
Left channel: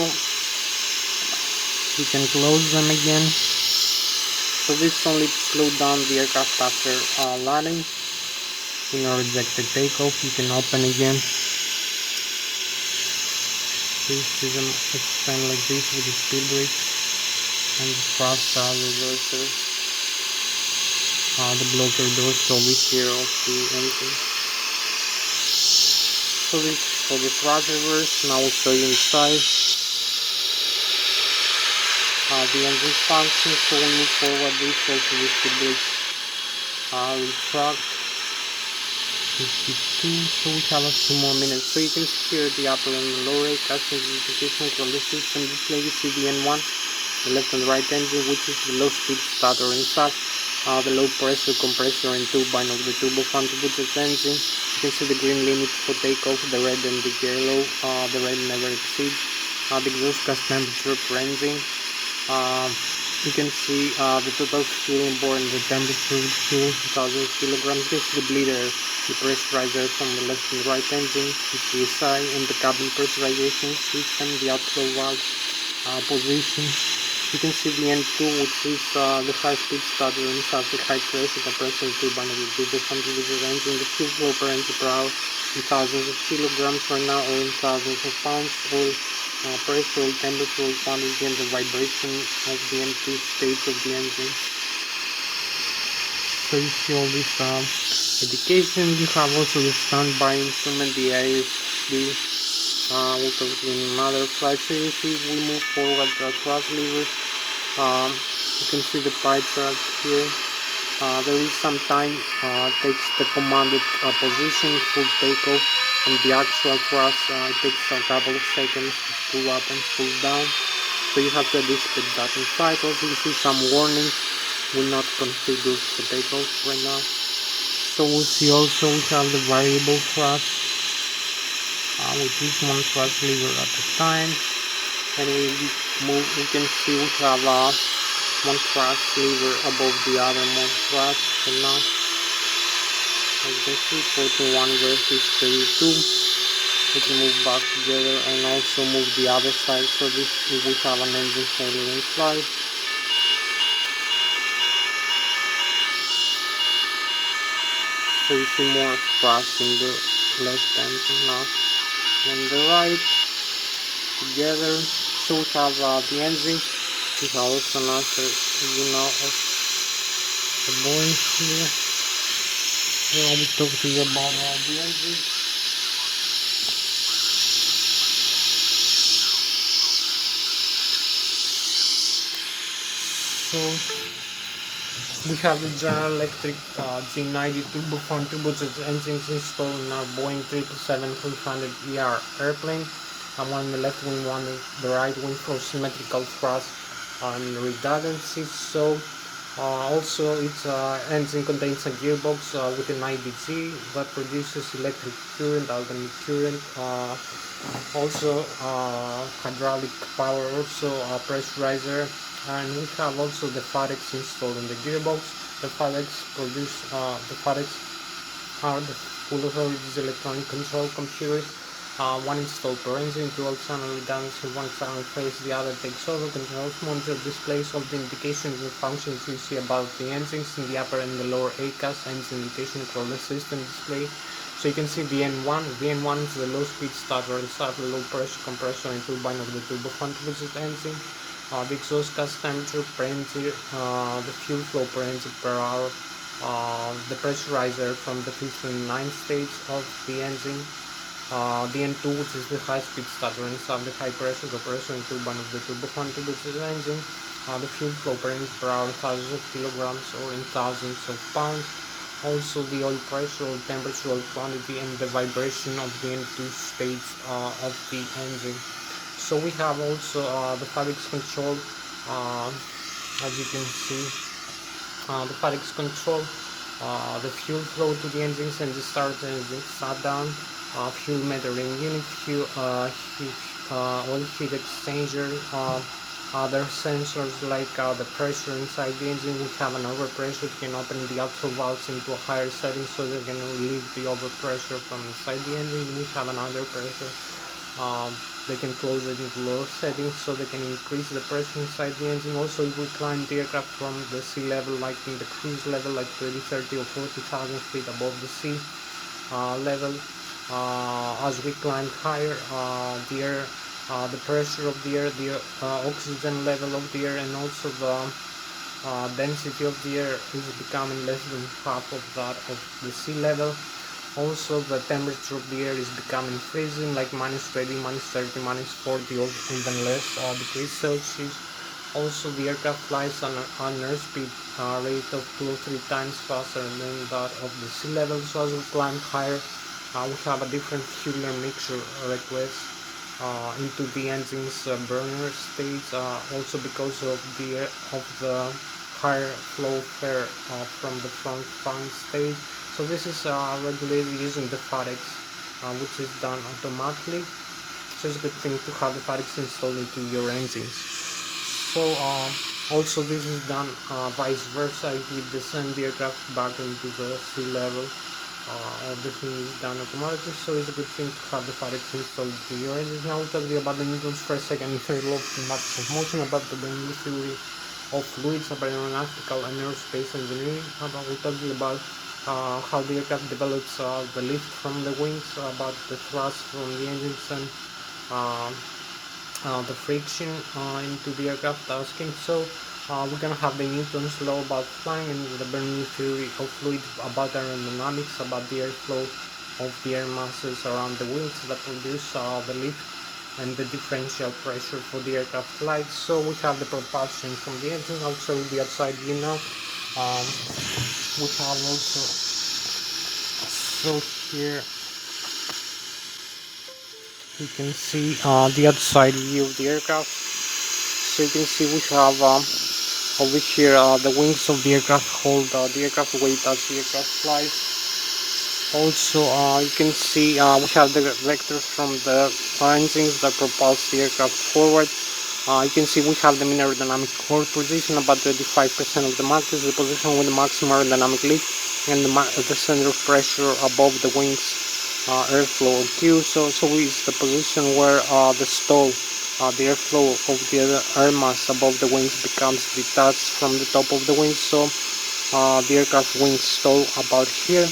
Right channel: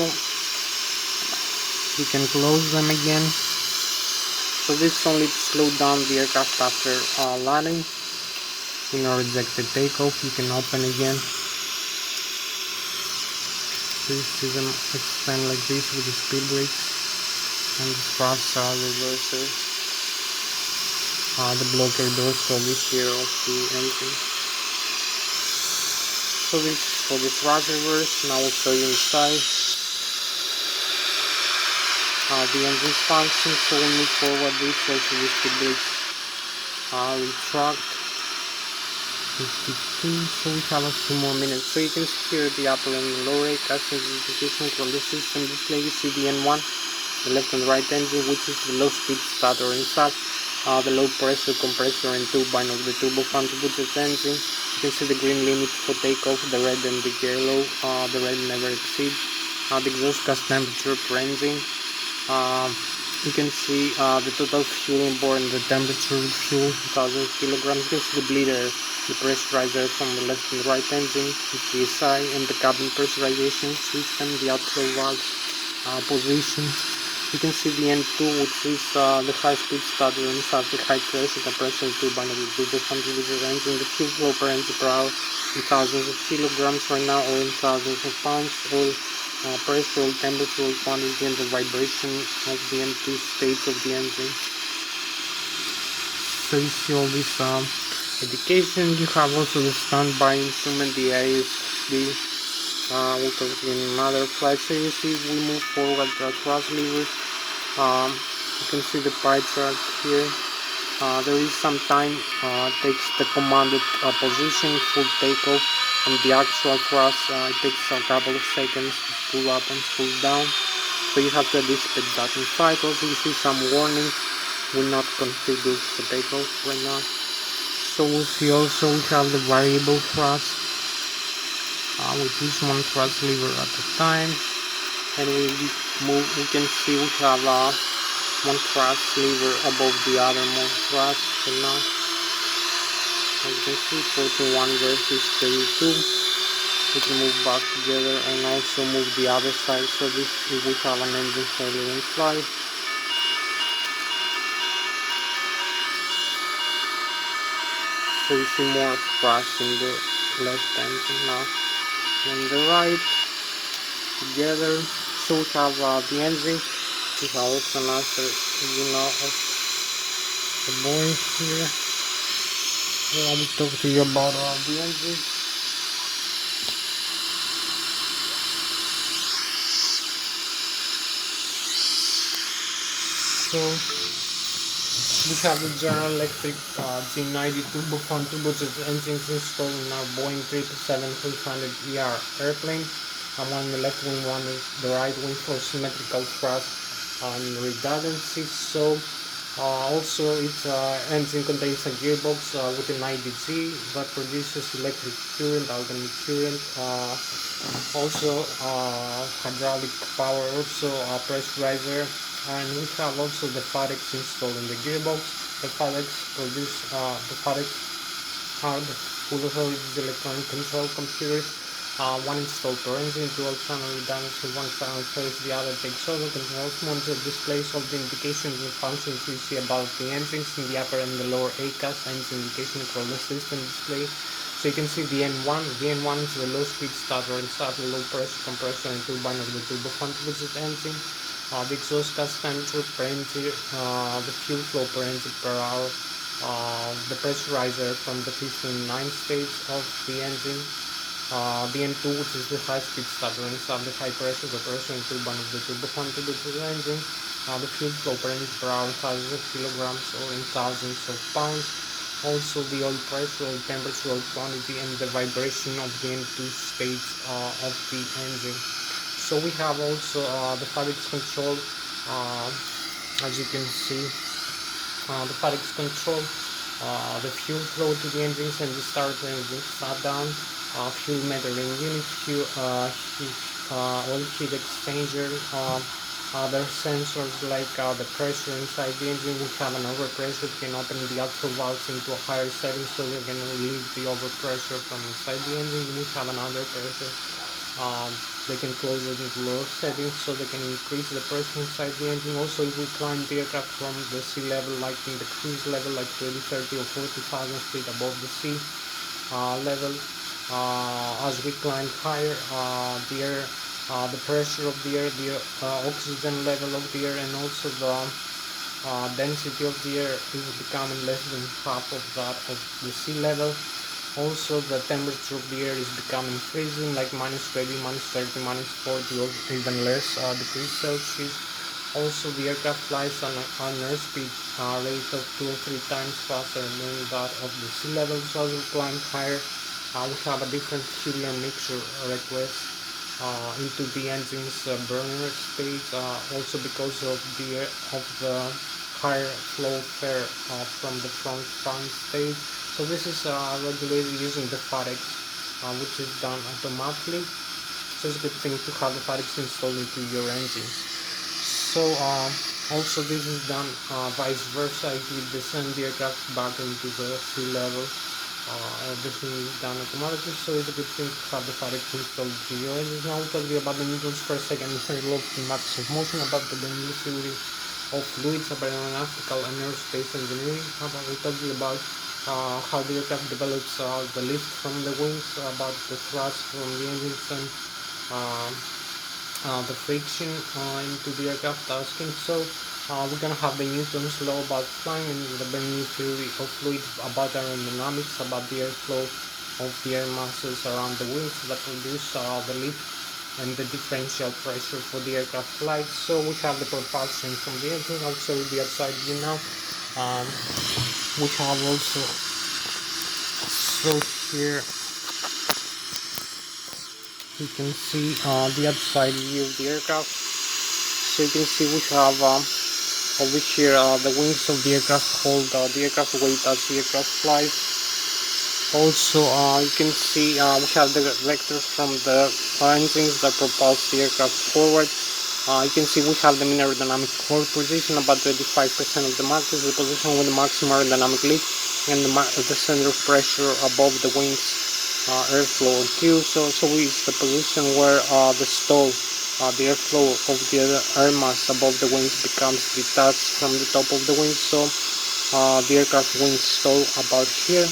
you can close them again. So this is only to slow down the aircraft after landing. In a rejected takeoff, you can open again. So you see them extend like this with the speed brakes and the thrust reverser. The blocker doors over here of the engine. So this is for the thrust reverse. Now I'll show you inside. The engine's function. So we'll move forward. This also the speed brakes retract. 52. So we have a few more minutes. So you can see here the upper and the lower rate casting execution control system display. You see the N1, the left and the right engine, which is the low speed starter and start. The low pressure compressor and turbine of the turbofan turbocharged engine. You can see the green limit for takeoff, the red and the yellow. The red never exceeds. The exhaust gas temperature per engine. You can see the total fuel on board and the temperature of fuel, 1000 kilograms. This is the bleeder, the pressurizer from the left and right engine, the CSI, and the cabin pressurization system, the outflow valve position. You can see the N2, which is the high-speed starter and has the high-pressure compressor turbine of the turbofan turbocharged engine. The fuel flow per engine per hour in thousands of kilograms right now, or in thousands of pounds, or pressure, oil temperature, oil quantity, and the vibration of the N2 stage of the engine. So you see all this indication. You have also the standby instrument, the ASB. We'll talk in another flight. So you see we move forward the thrust levers. You can see the pie chart here. There is some time takes the commanded position, full takeoff, and the actual thrust it takes a couple of seconds to pull up and pull down. So you have to anticipate that in flight. Also you see some warning, will not configure for takeoff right now. So we'll see also we have the variable thrust. We push one thrust lever at a time, and we can see we have one thrust lever above the other more thrust right now. As you can see, 41 versus 32. We can move back together and also move the other side, so this we will have an engine failure in flight. So you see more thrust in the left engine now and the right together. So we have the engine. We have also another of the Boeing here. So I will talk to you about the engine. So we have the General Electric G90 turbofan turbocharged engines installed in our Boeing 777-300ER airplane. One on the left wing, one on the right wing for symmetrical thrust and redundancy. So Also, its engine contains a gearbox with an IDG that produces electric current, alternate current. Also, hydraulic power, also pressurizer, and we have also the FADEX installed in the gearbox. The FADEX are the full authorities electronic control computers. One installed per engine, dual channel redundancy, one channel carries the other takes over, controls, monitor displays all the indications and functions we see about the engines in the upper and the lower ACAS, engine indication control system display. So you can see the N1. The N1 is the low speed starter and starter, low pressure compressor and turbine of the turbofan turbocharged engine. The exhaust gas temperature per engine, the fuel flow per engine per hour, the pressurizer from the 5th and 9th stage of the engine, the N2, which is the high-speed starter and the high pressure compressor and turbine of the turbofan turbocharged engine, the fuel flow per engine per hour, thousands of kilograms or in thousands of pounds, also the oil pressure, oil temperature, oil quantity, and the vibration of the N2 stage of the engine. So we have also the FADEX control, as you can see, the FADEX control, the fuel flow to the engines and the start engine shutdown, fuel metering unit, oil heat exchanger, other sensors like the pressure inside the engine. We have an overpressure. You can open the actual valves into a higher setting so they can relieve the overpressure from inside the engine. We have an underpressure. They can close it into lower settings so they can increase the pressure inside the engine. Also, if we climb the aircraft from the sea level, like in the cruise level, like 20, 30 or 40,000 feet above the sea level, as we climb higher, the pressure of the air, the oxygen level of the air, and also the density of the air is becoming less than half of that of the sea level. Also, the temperature of the air is becoming freezing, like -20, -30, -40, or even less degrees Celsius. Also, the aircraft flies on an airspeed rate of 2 or 3 times faster than that of the sea level. So as we climb higher, we have a different fuel mixture request into the engine's burner stage. Also, because of the higher flow fare from the front fan stage. So this is regulated using the FADEX, which is done automatically. So it's a good thing to have the FADEX installed into your engine. So also this is done vice versa. If you descend the aircraft back into the sea level, everything is done automatically. So it's a good thing to have the FADEX installed to your engine. Now we'll tell you about the newtons per second in terms of matters of motion, about the Bernoulli theory of fluids, about aeronautical and aerospace engineering. We'll tell you about how the aircraft develops the lift from the wings, about the thrust from the engines, and the friction into the aircraft tasking. So we're gonna have the Newton's law about flying and the Bernoulli theory of fluids, about aerodynamics, about the airflow of the air masses around the wings that produce the lift and the differential pressure for the aircraft flight. So we have the propulsion from the engine. I'll show you the outside view now. We have also, so here you can see the outside view of the aircraft. So you can see we have over here the wings of the aircraft hold the aircraft weight as the aircraft flies. Also you can see we have the vectors from the engines that propulse the aircraft forward. You can see we have the mean aerodynamic core position, about 25% of the mass is the position with the maximum aerodynamic lift, and the center of pressure above the wings airflow Q. So is the position where the stall, the airflow of the air mass above the wings becomes detached from the top of the wings. So the aircraft wings stall about here.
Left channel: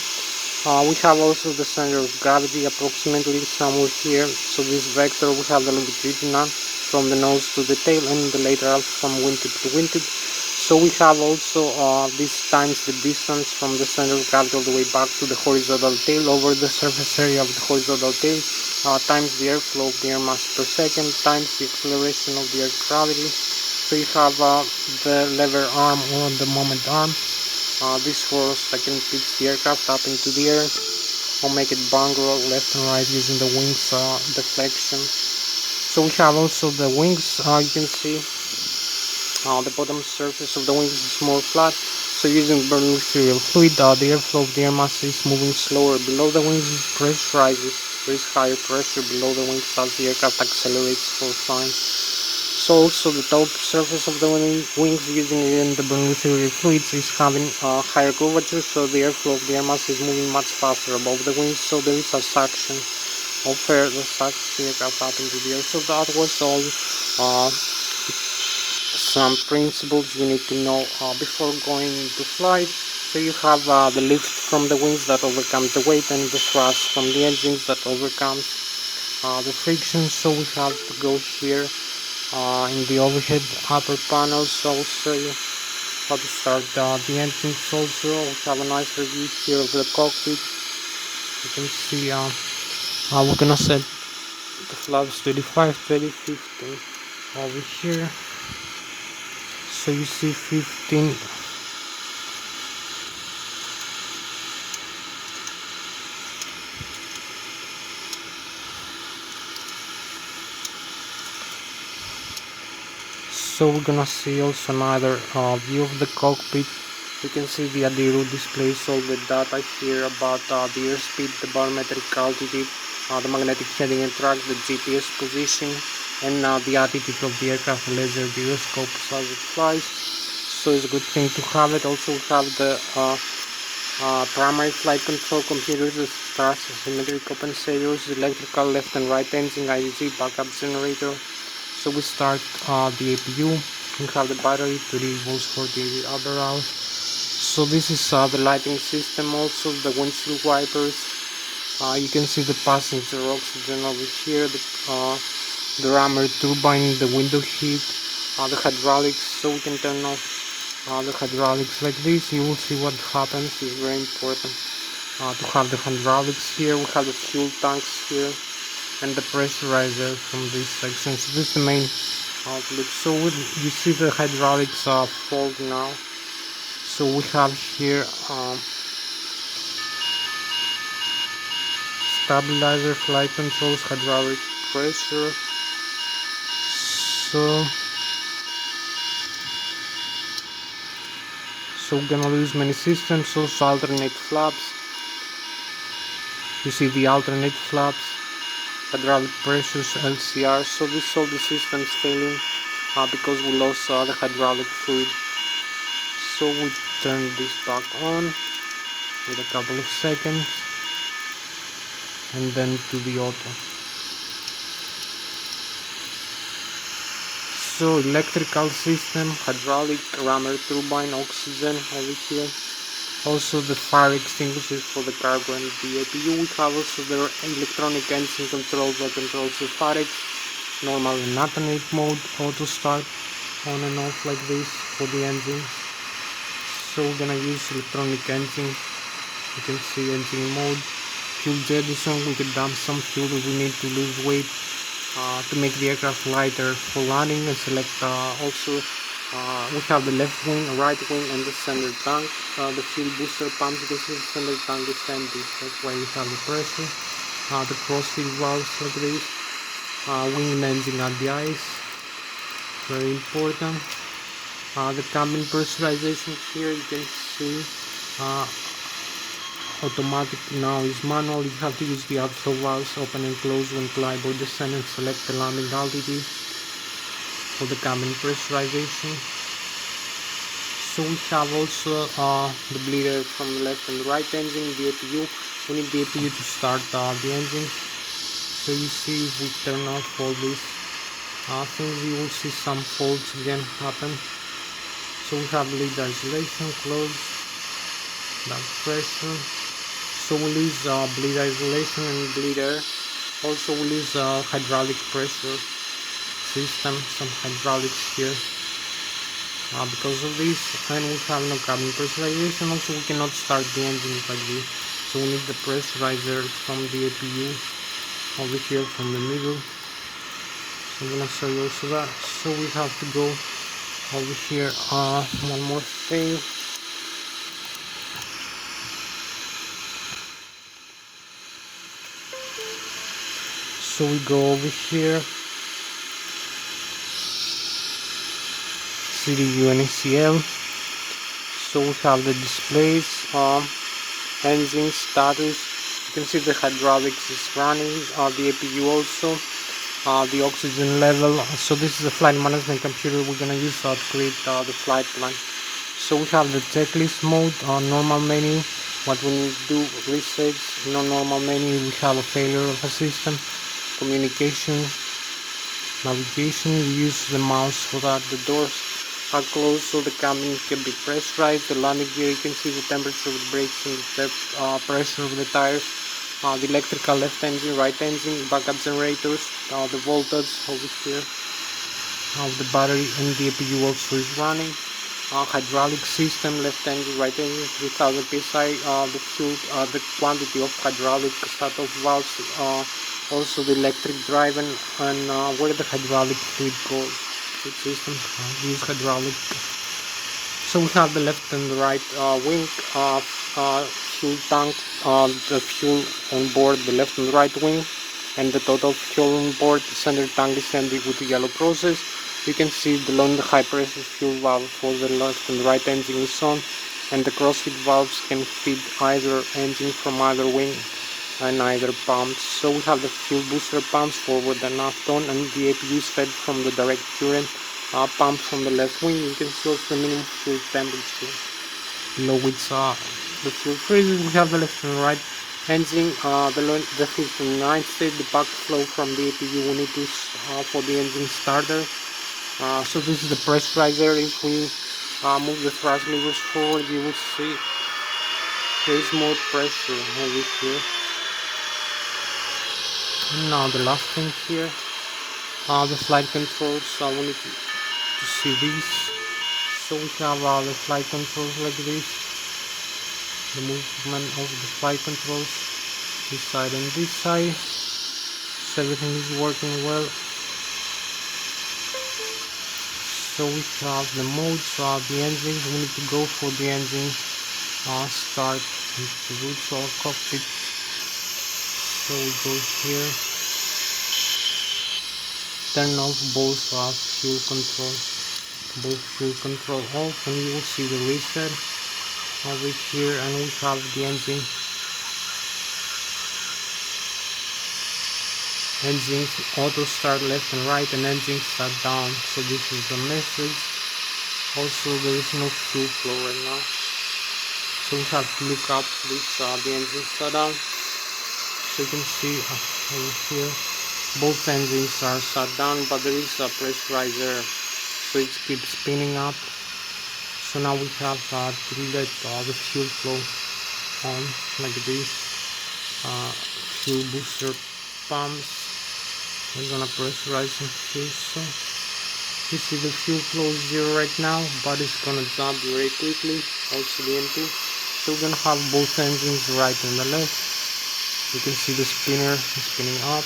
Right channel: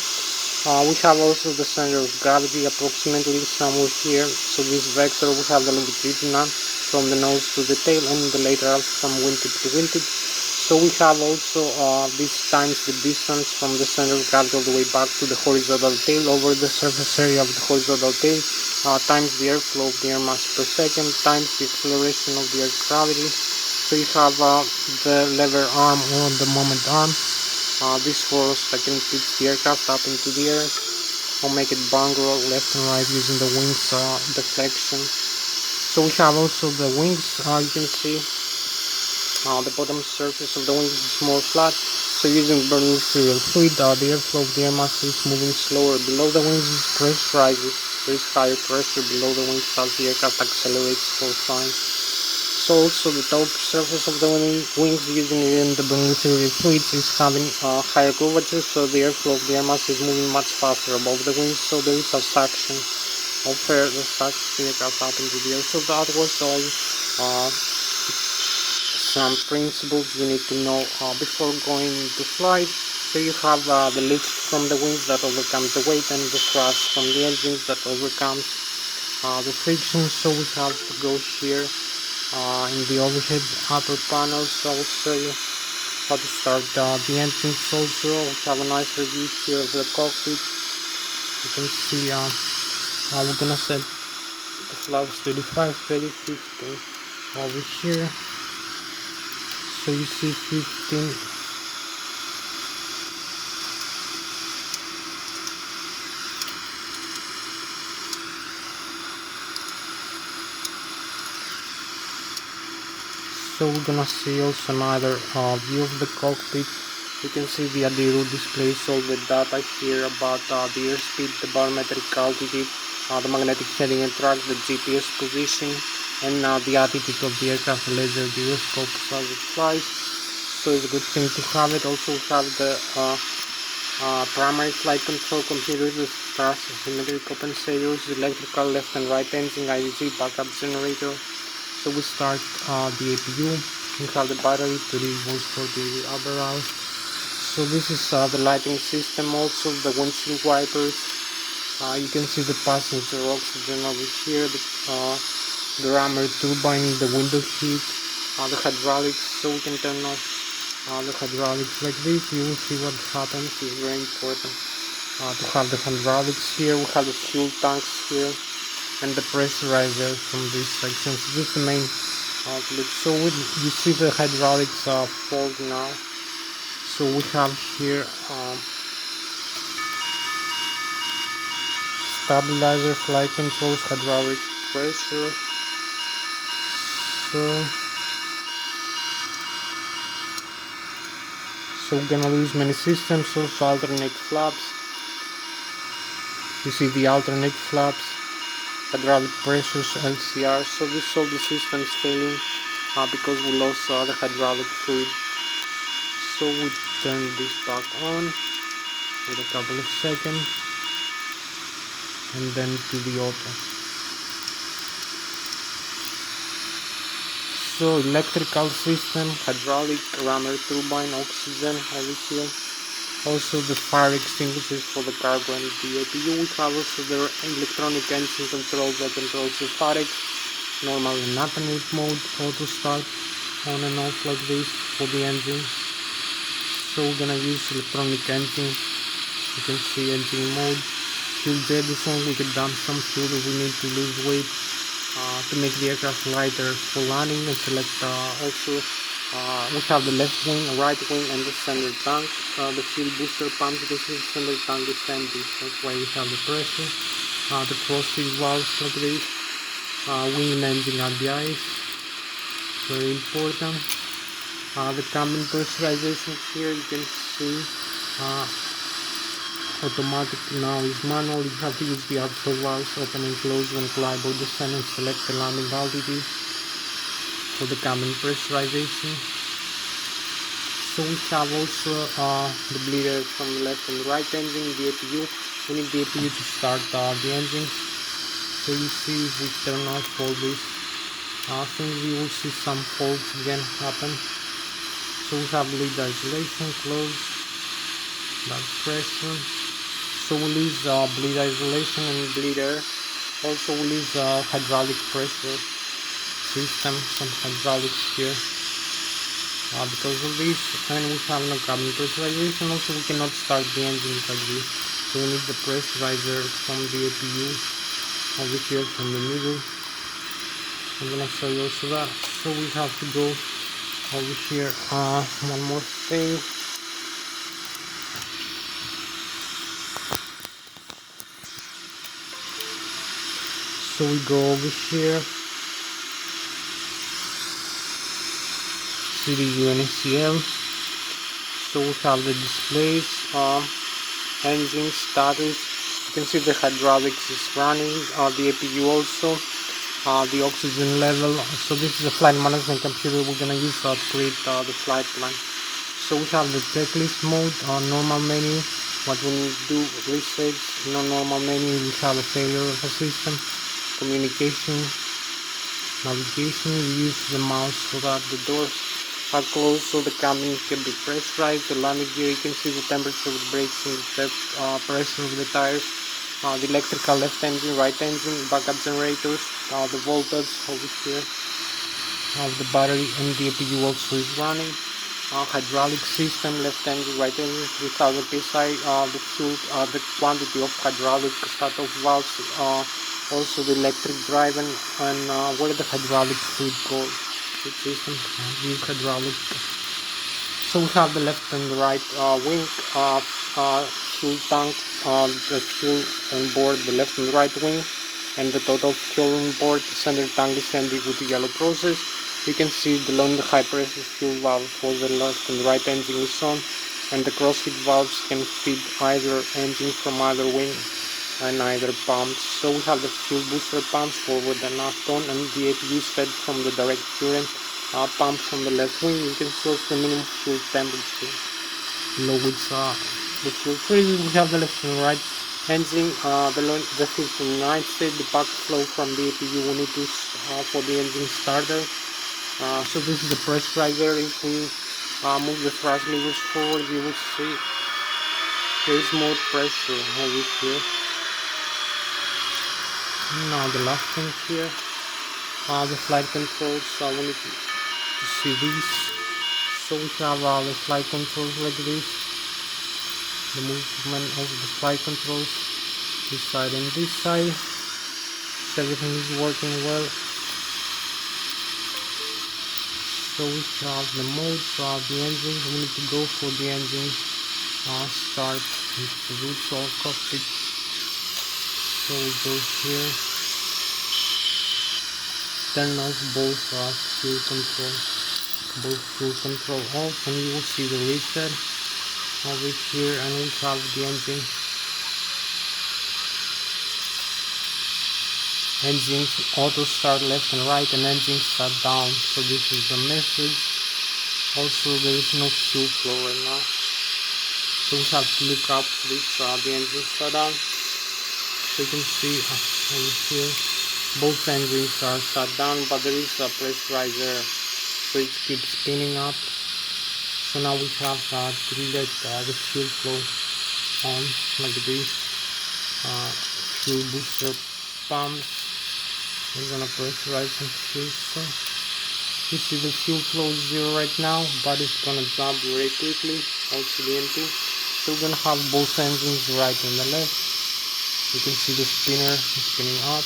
We have also the center of gravity approximately somewhere here. So this vector, we have the longitudinal from the nose to the tail, and the lateral from wingtip to wingtip. So we have also this times the distance from the center of gravity all the way back to the horizontal tail over the surface area of the horizontal tail, times the airflow of the air mass per second, times the acceleration of the air gravity. So you have the lever arm or the moment arm. This force that can pitch the aircraft up into the air or make it bungle left and right using the wings deflection. So we have also the wings, you can see The bottom surface of the wings is more flat, so using burning material fluid, the airflow of the air mass is moving slower. Below the wings is pressurized. There is higher pressure below the wings as the aircraft accelerates for flying. So also the top surface of the wings using the burning material fluids is having a higher curvature, so the airflow of the air mass is moving much faster above the wings, so there is a suction of air that sucks the aircraft up into the air. So that was all some principles you need to know before going into flight. So you have the lift from the wings that overcomes the weight, and the thrust from the engines that overcomes the friction. So we have to go here in the overhead upper panel, so I'll show you how to start the engines. Also we have a nice review here of the cockpit. You can see we're gonna set the flaps 25, 30, 15 over here. So you see 15. So we're gonna see also another view of the cockpit. You can see the ADIRU displays all the data here about the airspeed, the barometric altitude, the magnetic heading and track, the GPS position, and the attitude of the aircraft, the laser gyroscope as it flies. So it's a good thing to have it. Also we have the primary flight control computers, the thrust asymmetric compensators, electrical left and right engine, IDC, backup generator. So we start the APU. We have the battery, 30 volts for the other hours. So this is the lighting system, also the windshield wipers. You can see the passenger oxygen over here, the rammer turbine, the window heat, the hydraulics. So we can turn off the hydraulics like this. You will see what happens. It's very important to have the hydraulics here. We have the fuel tanks here and the pressurizer from this section. So this is the main outlet. So you see the hydraulics fold now. So we have here stabilizer, flight controls, hydraulic pressure. So we're gonna use many systems, also alternate flaps. You see the alternate flaps, hydraulic pressures, LCR. So this is all the systems failing because we lost the hydraulic fluid. So we turn this back on with a couple of seconds and then to the auto. So electrical system, hydraulic, rammer turbine, oxygen over here. Also the fire extinguishers for the cargo and the APU. We have also the electronic engine control that controls the fire, normal and alternate mode, auto start, on and off like this for the engine. So we're gonna use electronic engine. You can see engine mode, fuel jettison. We can dump some fuel if we need to lose weight to make the aircraft lighter for landing, and select also we have the left wing, right wing, and the center tank. The fuel booster pumps, you can see the center tank is empty, that's why we have the pressure. The crossfeed valves like this, wing and engine at the ice, very important. The cabin pressurization here, you can see automatic now is manual. You have to use the outflow valves, open and close when fly by descent, and select the landing altitude for the cabin pressurization. So we have also the bleeder from the left and the right engine, the APU. We need the APU to start the engine. So you see if we turn off all these things, you will see some faults again happen. So we have lead isolation, close, dark pressure. So we lose bleed isolation and bleed air. Also we lose hydraulic pressure system, some hydraulics here because of this, and we have no cabin pressurization. Also we cannot start the engines like this, so we need the pressurizer from the APU over here from the middle. I'm gonna show you also that. So we have to go over here, one more thing. So we go over here, see the UNCL. So we have the displays, engine status. You can see the hydraulics is running, the APU also, the oxygen level. So this is a flight management computer we're gonna use to create the flight plan. So we have the checklist mode, normal menu. What we need to do, reset. Normal menu, we have a failure of a system, communication, navigation. You use the mouse so that the doors are closed so the cabin can be pressurized. The landing gear, you can see the temperature of the brakes and the pressure of the tires. The electrical left engine, right engine, backup generators, the voltage over here of the battery, and the APU also is running. Hydraulic system, left engine, right engine, 3000 psi. The fuel, the quantity of hydraulic shut-off valves, also the electric drive, and where the hydraulic fluid goes. The system use hydraulic. So we have the left and the right wing, fuel tank, the fuel on board the left and right wing, and the total fuel on board. Center tank is empty with the yellow process. You can see below the high pressure fuel valve for the left and right engine is on, and the crossfeed valves can feed either engine from either wing and either pumps. So we have the fuel booster pumps forward and aft on, and the APU is fed from the direct current pump from the left wing. You can see also the minimum fuel temperature below which the fuel freezes. We have the left and right engine, the fifth and ninth state, the backflow from the APU we need to for the engine starter. So this is the pressurizer. If we move the thrust levers forward, you will see there is more pressure over here. Now the last thing here, the flight controls. We need to see these. So we have the flight controls like this, the movement of the flight controls this side and this side. So everything is working well. So we have the modes of the engines. We need to go for the engine start and the root or cockpit. So we go here, turn off both fuel control off, and you will see the reset over here, and we have the engines auto start left and right, and engines start down. So this is the message. Also there is no fuel flow right now, so we have to look up this the engine shut down. So you can see over here both engines are shut down, but there is a pressurizer, so it keeps spinning up. So now we have to let the fuel flow on like this. Fuel booster pumps. I'm gonna pressurize some here. So you see the fuel flow is 0 right now, but it's gonna jump very quickly. Also the N2. So we're gonna have both engines right and the left. You can see the spinner is spinning up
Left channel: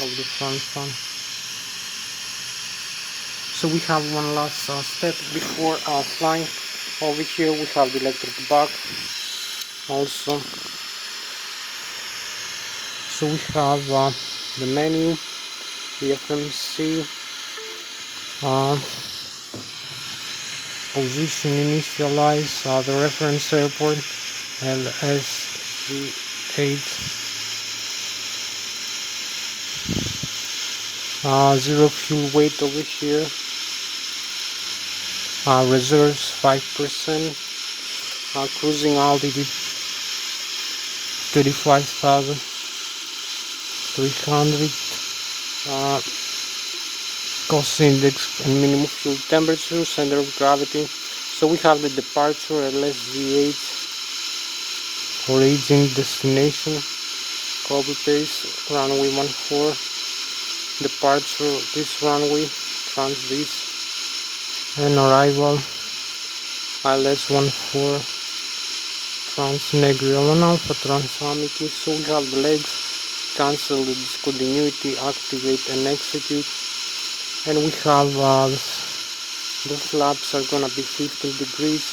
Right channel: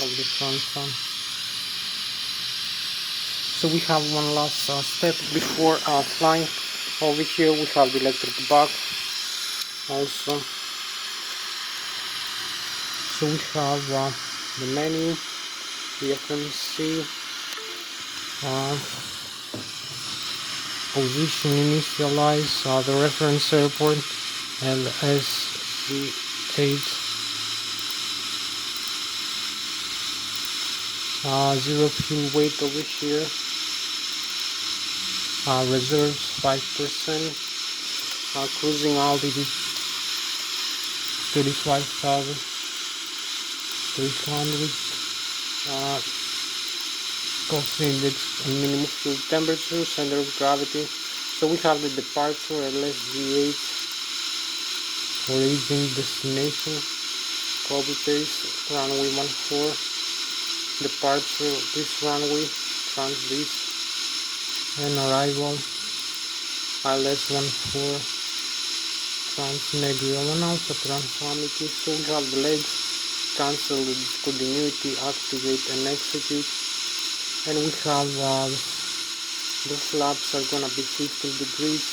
of the front one. So we have one last step before flying. Over here we have the electric bug also. So we have the menu, the FMC, position initialize, the reference airport, LSZ8, 0 fuel weight over here, reserves 5%, cruising altitude 35,300, cost index and minimum fuel temperature, center of gravity. So we have the departure Lszh, origin, destination, copy paste, runway 14, departure this runway, trans this, and arrival ILS 14, trans Negri 1 Alpha, trans Amity. So we have the legs, cancel the discontinuity, activate and execute, and we have the flaps are gonna be 15 degrees,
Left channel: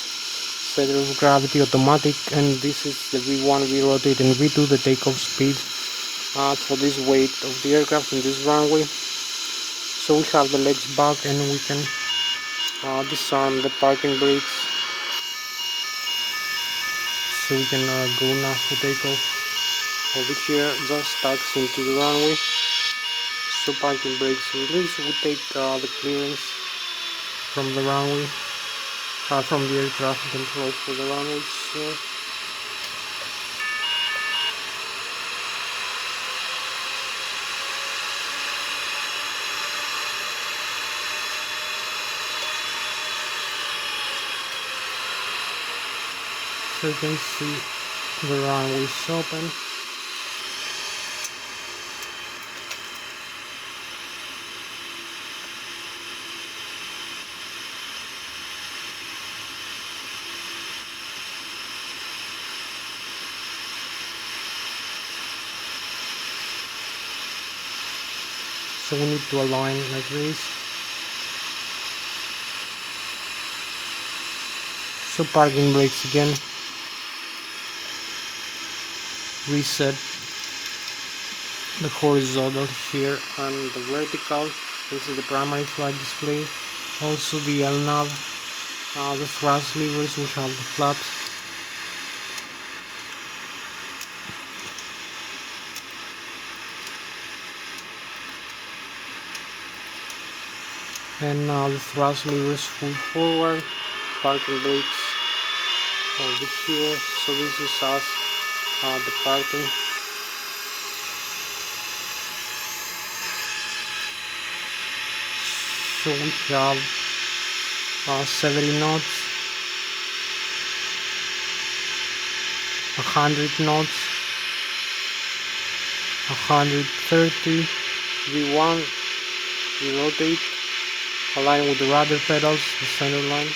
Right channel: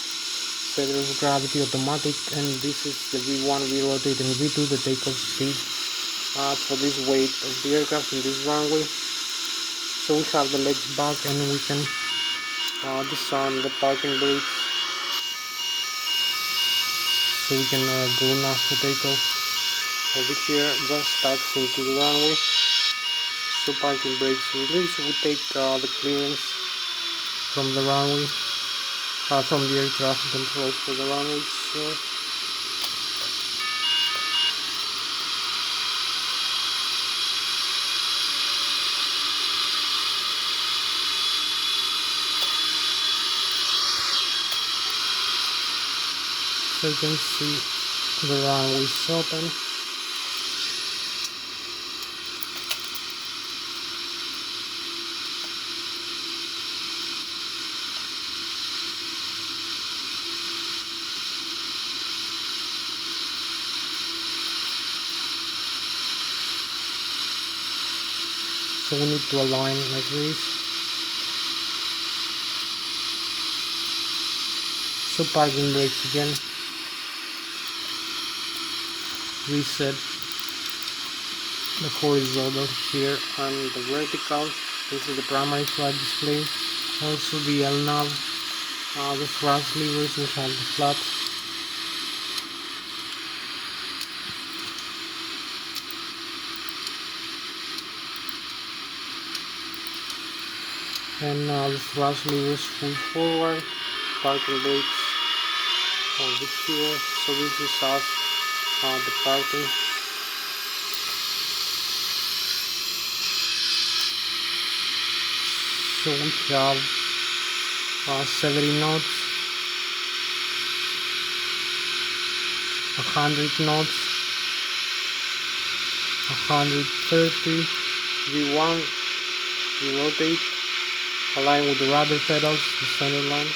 center of gravity automatic, and this is the V1, V rotate and V2, the takeoff speed for this weight of the aircraft in this runway. So we have the legs back, and we can disarm the parking brakes, so we can go now for takeoff. Over here just tucks into the runway, so parking brakes release. We take the clearance from the runway, from the air traffic control for the runway. So you can see the runway is open. So we need to align like this. So parking brakes again. Reset the horizontal here and the vertical. This is the primary flight display. Also the LNAV, the thrust levers, which have the flaps. And the thrust levers full forward, parking brakes over here. So this is us departing. So we have 70 knots, 100 knots, 130, V1, we rotate, align with the rudder pedals, the center line.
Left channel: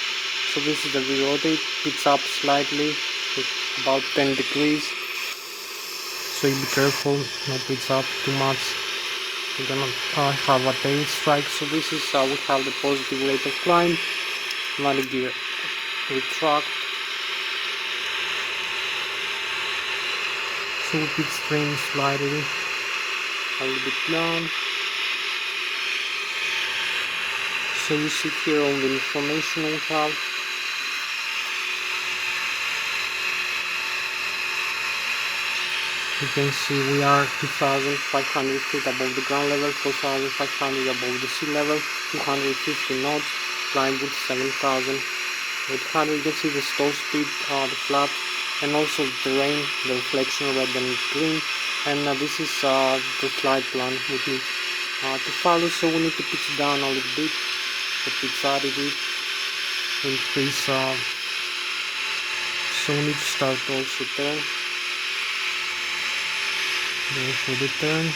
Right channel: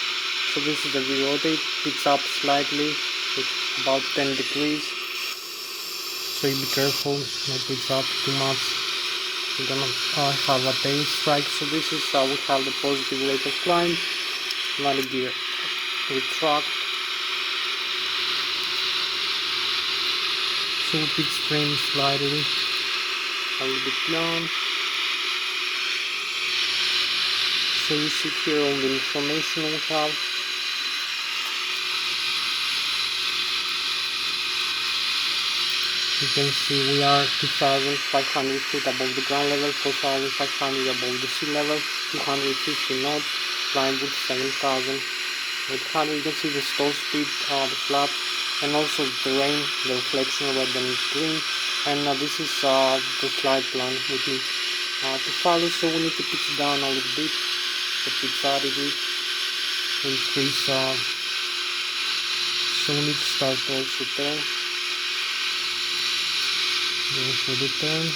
So this is the V-rotate, it's up slightly with about 10 degrees. So you be careful, no pitch up too much. You're gonna have a tail strike. So this is how we have the positive rate of climb. Landing gear retract. So we pitch trim slightly a little bit down. So you see here all the information we have. You can see we are 2,500 feet above the ground level, 4,500 above the sea level, 250 knots, climb with 7,800. You can see the stall speed, the flap, and also the terrain, the reflection red and green. And this is the slide plan we need to follow. So we need to pitch down a little bit, the pitch attitude, increase. So we need to start also turn. Go for the turn.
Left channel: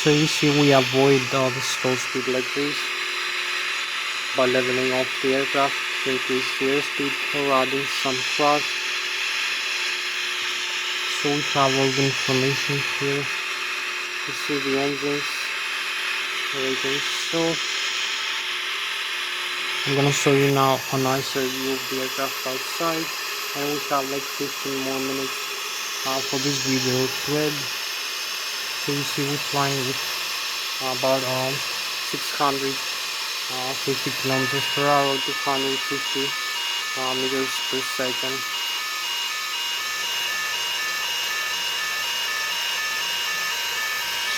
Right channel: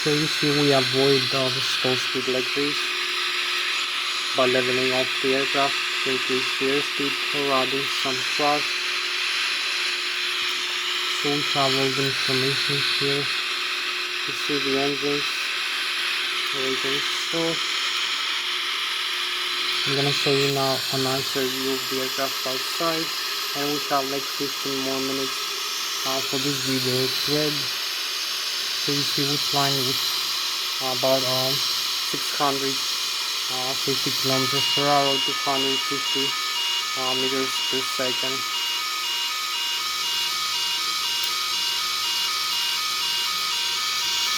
So you see we avoid the stall speed like this by leveling off the aircraft to increase the airspeed or adding some thrust. So we have all the information here. You see the engines, ratings. So I'm gonna show you now a nicer view of the aircraft outside, and we have like 15 more minutes for this video to end. So you see we're flying with about 650 kilometers per hour, 250 meters per second.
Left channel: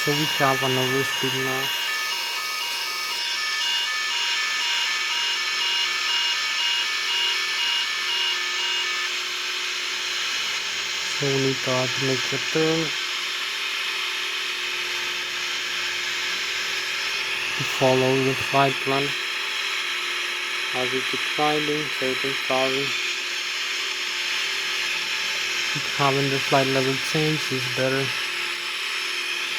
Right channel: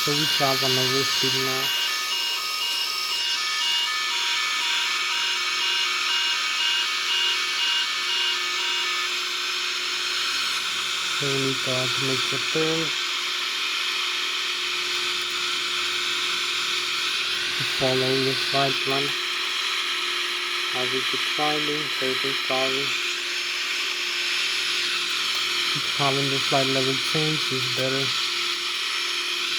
So we have an overspeed now. So we need to make a turn. To follow the flight plan as we keep climbing, 13,000. Keep having the flight level change is better.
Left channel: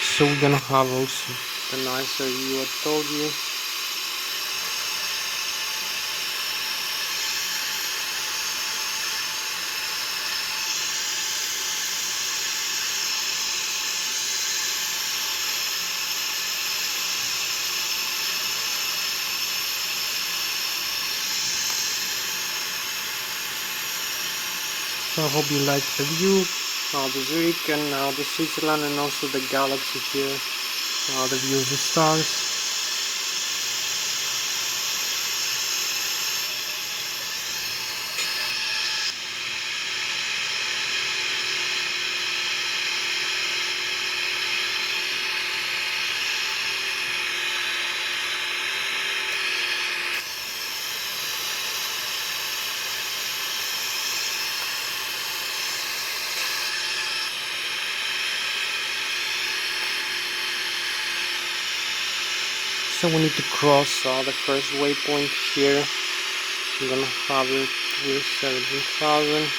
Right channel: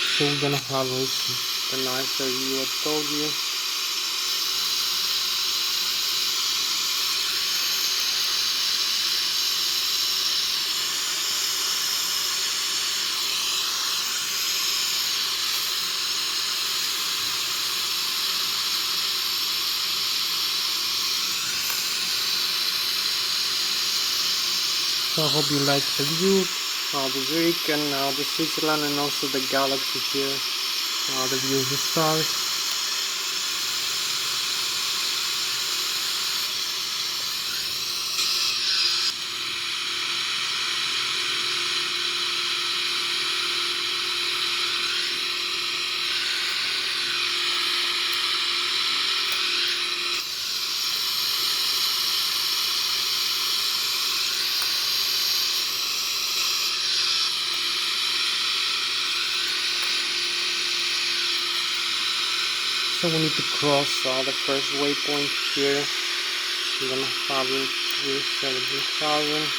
So we're gonna have also the nicer view I told you. So I hope you like the view, the Zurich and the Switzerland, and also the galaxy here, the view of the stars. So we need to cross the first waypoint here. I'm gonna have it with 17,000.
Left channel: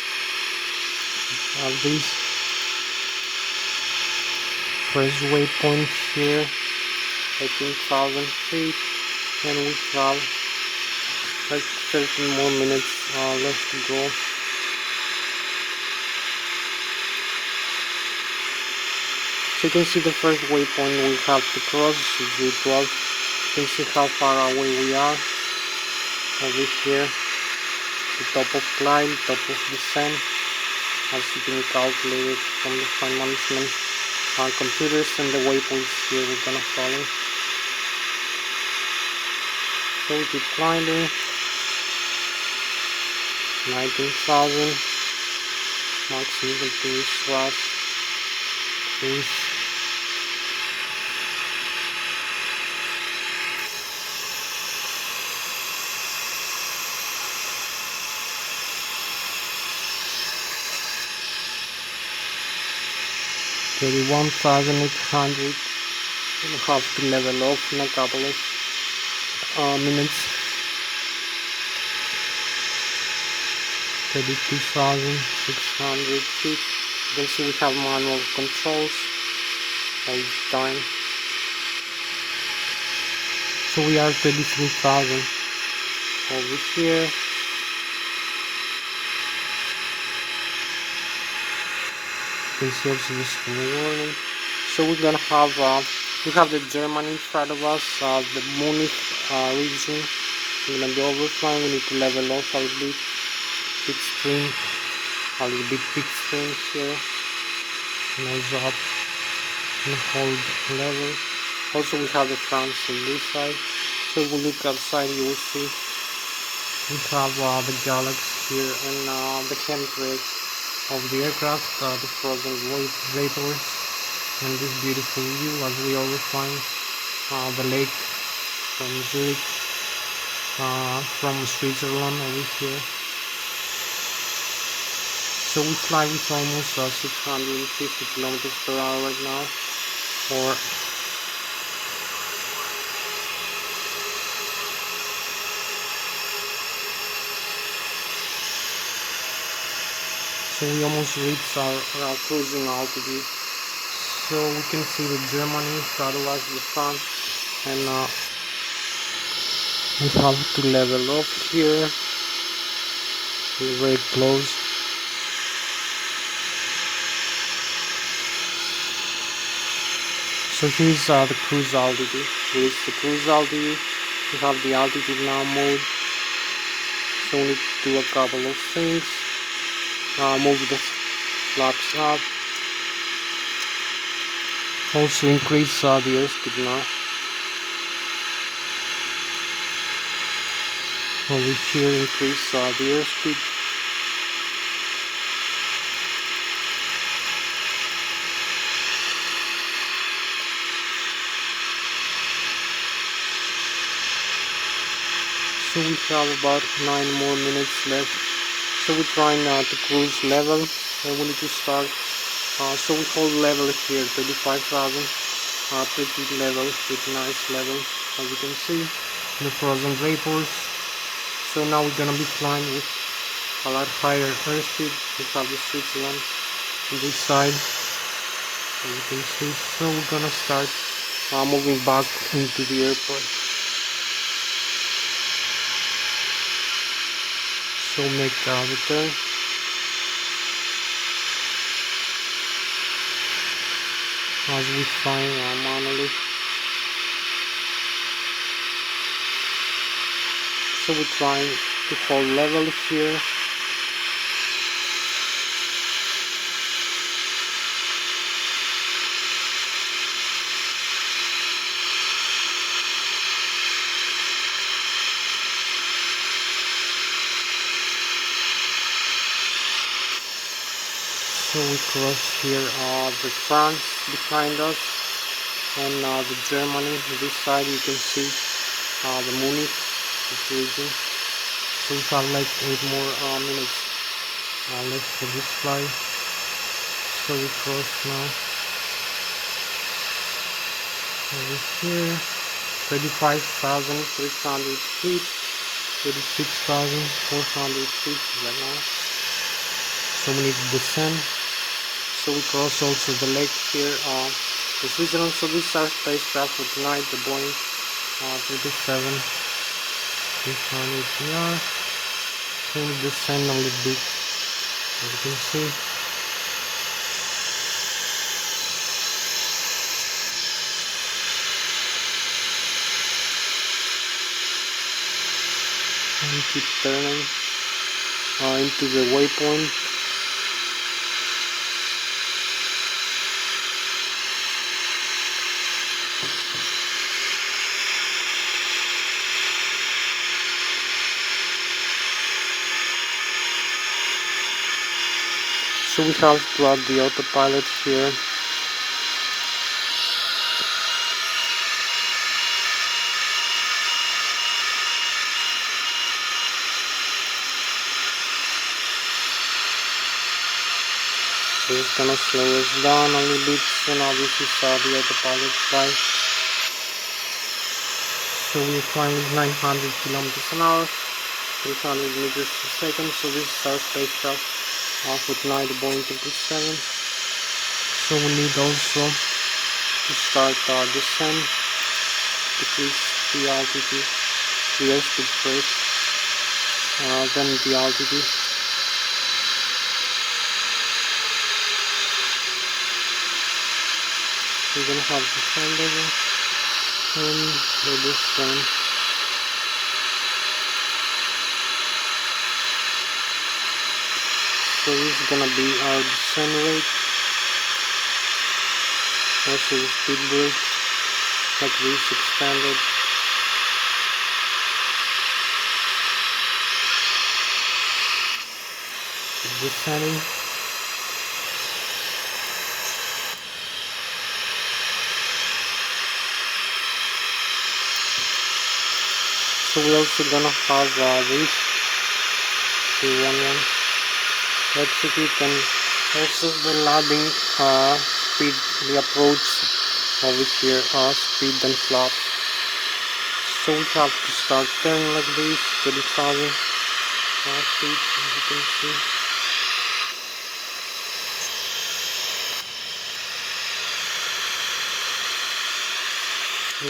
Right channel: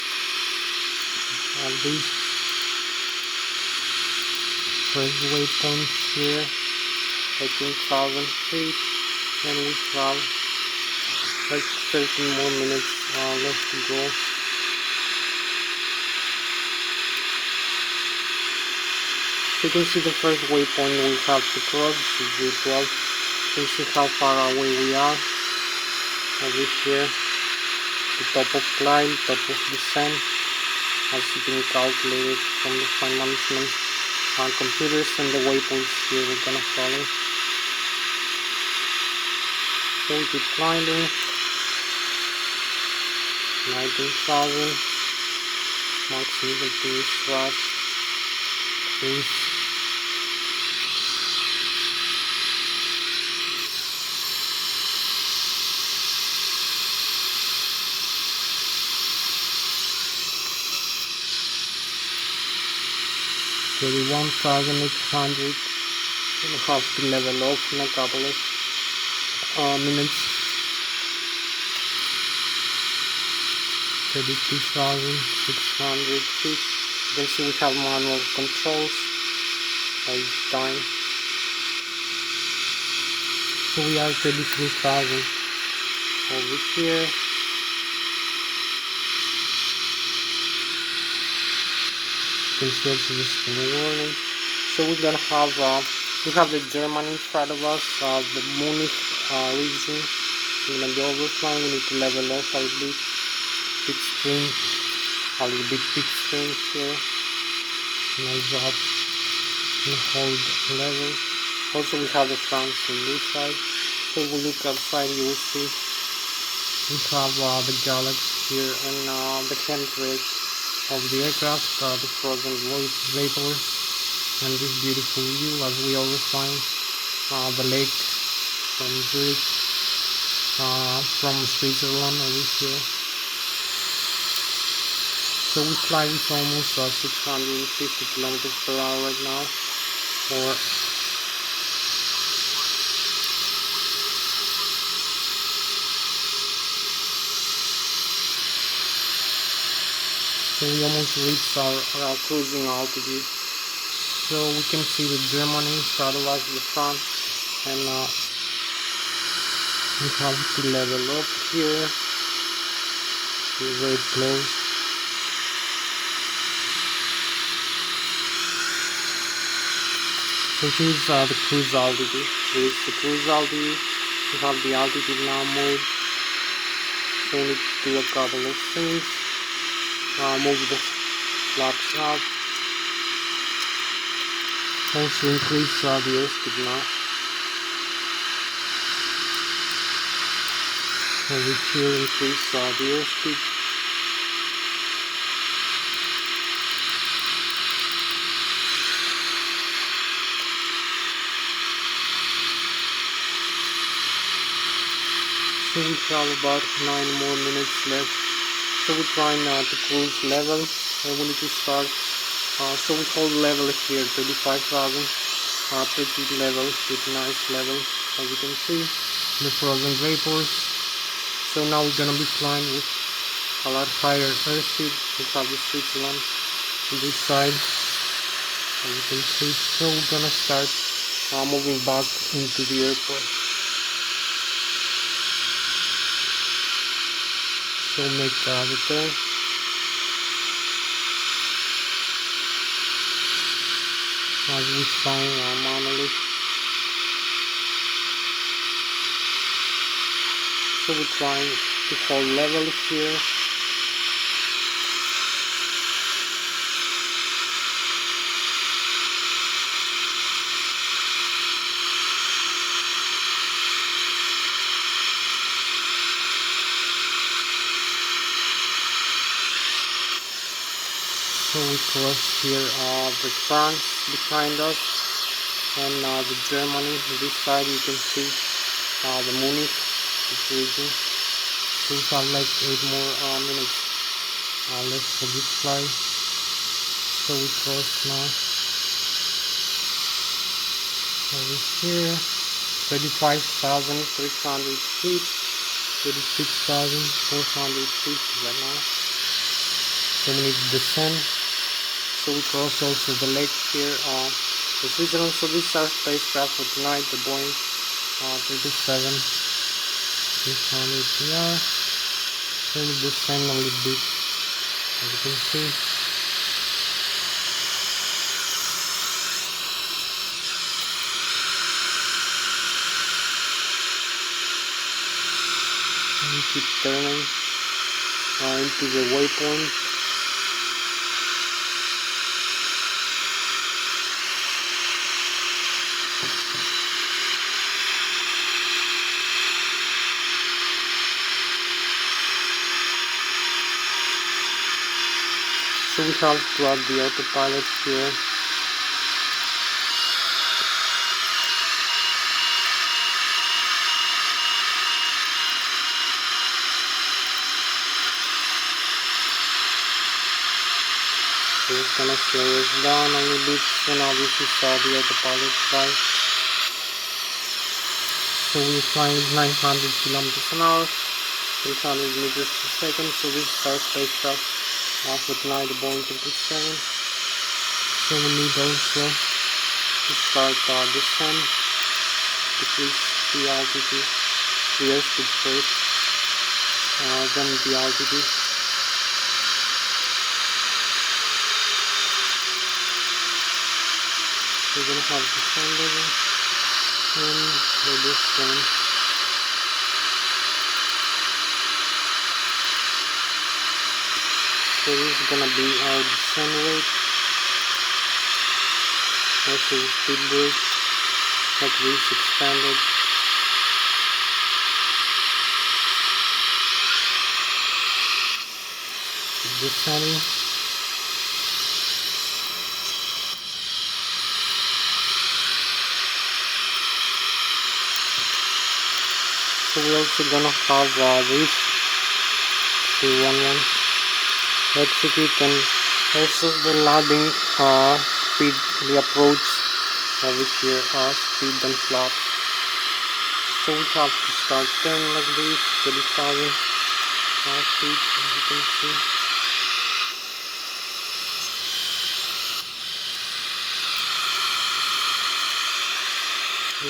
This first waypoint here, 18,000 feet, and we have like 13 more minutes left to go. So you can see the first waypoint we have to cross is the 12. You can see how far away we are. Over here, the top of climb, top of descent, has been calculated from the flight management computers, and the waypoints here we're gonna follow. So we keep climbing. 19,000. Maximum continuous thrust. Cruise. $31,800. We'll have to level off in a couple of minutes. 32,600 feet. You can see we have manual controls all the time. So we are 33,000 over here. You can see also the spin warning. So we're gonna have we have the Germany in front of us, the Munich region. We're gonna be overflying. We need to level off a little bit, pitstream here, nose up and hold level. Also we have the France on this side. So if we look outside, you will see we have the galaxy here and the chemtrails of the aircraft, the frozen vapor, and this beautiful view as we overflying the lake from Zurich, from Switzerland over here. So we fly with almost 650 kilometers per hour right now, or so we almost reached our cruising altitude. So we can see the Germany, front of us, the France, and we have to level up here. We're very close. So here's the cruise altitude. Here's the cruise altitude. We have the altitude now mode. So we need to do a couple of things. Move the flaps up. Also increase the airspeed now. Over here, increase the airspeed. So we have about 9 more minutes left. So we're trying to cruise level, and we need to start. So we hold level here, 35,000. Pretty level, pretty nice level, as you can see. The frozen vapors. So now we're gonna be flying with a lot higher airspeed. We have the Switzerland on this side, as you can see. So we're gonna start moving back into the airport. So make the turn. As we find our monolith. So we're trying to hold level here. So we cross here the France behind us, and the Germany. This side you can see the Munich region. So we have like 8 more minutes left for this flight. So we cross now over here. 35,300 feet, 36,400 feet right now. So we need to descend. So we cross also the lake here, the Switzerland. So this is our spacecraft for tonight, the Boeing 37-300 PR. So we descend a little bit, as you can see. And keep turning into the waypoint. So we have to add the autopilot here. So it's gonna slow us down a little bit. So now this is the autopilot flight. So we're flying at 900 kilometers an hour, 300 meters per second. So this is our spacecraft for tonight, the Boeing 777. So we need also to start descent, decrease the altitude, the airspeed first, then the altitude. We're gonna have the descent level and the descent. So this is gonna be our descent rate. Also the speed brake, like this expanded. Keep descending. So we're also gonna have this 311 execute, and also the landing speed, the approach over here, speed and flap. So we have to start turning like this, 30,000 feet, as you can see.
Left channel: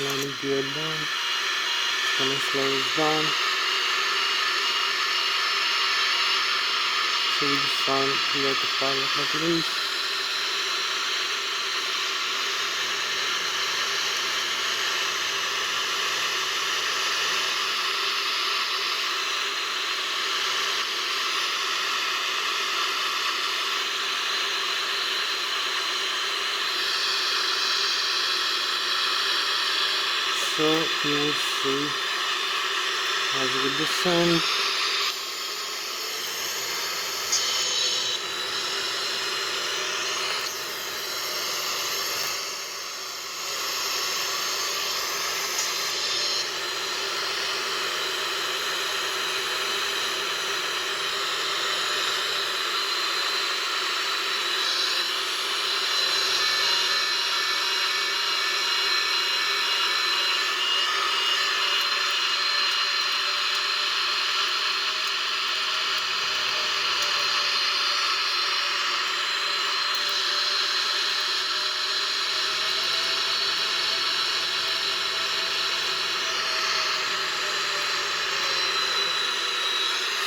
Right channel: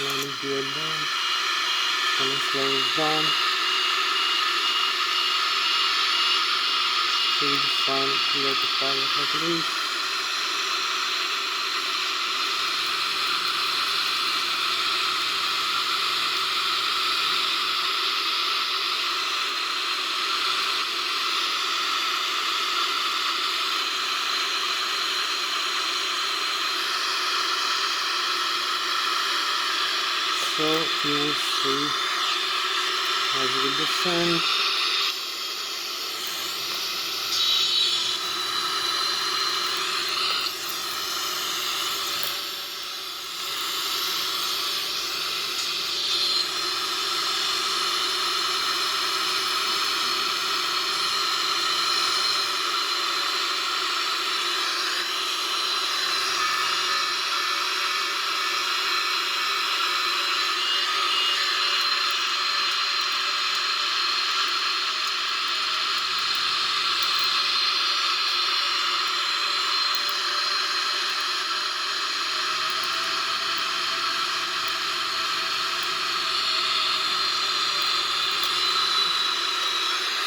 Landing gear down, gonna slow it down. So we just found the autopilot like this. So you will see as we descend.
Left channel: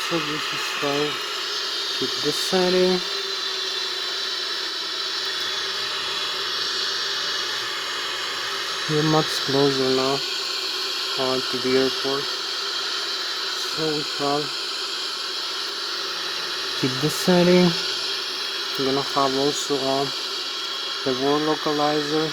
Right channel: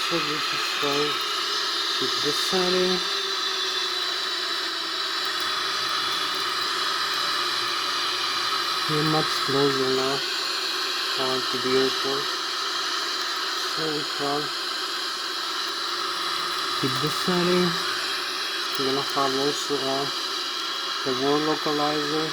So this is how keep descending. We're much closer now to the airport. So we can keep descending. We're gonna have also the world localizer.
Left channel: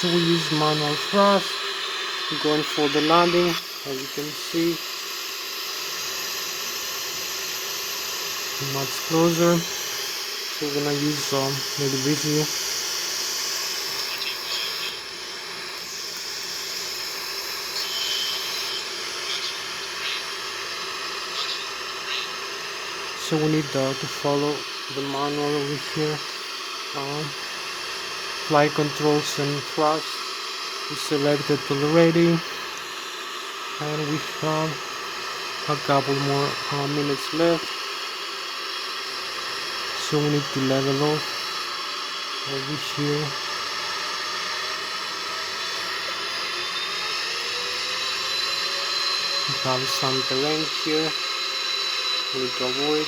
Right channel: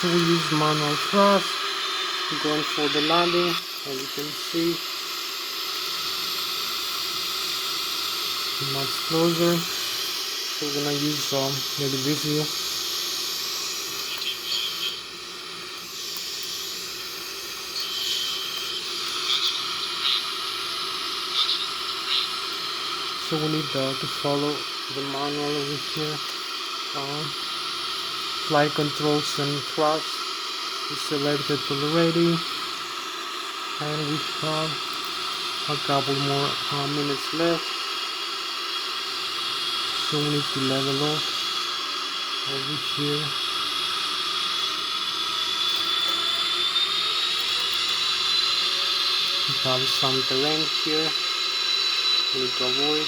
So we use manual thrust, going for the landing, as you can see, much closer. So we're gonna use the review. So we need to follow the manual over here. Flight controls and thrust is selected already, and we have a couple more minutes left. So we need to level off over here. We have some terrain here we need to avoid.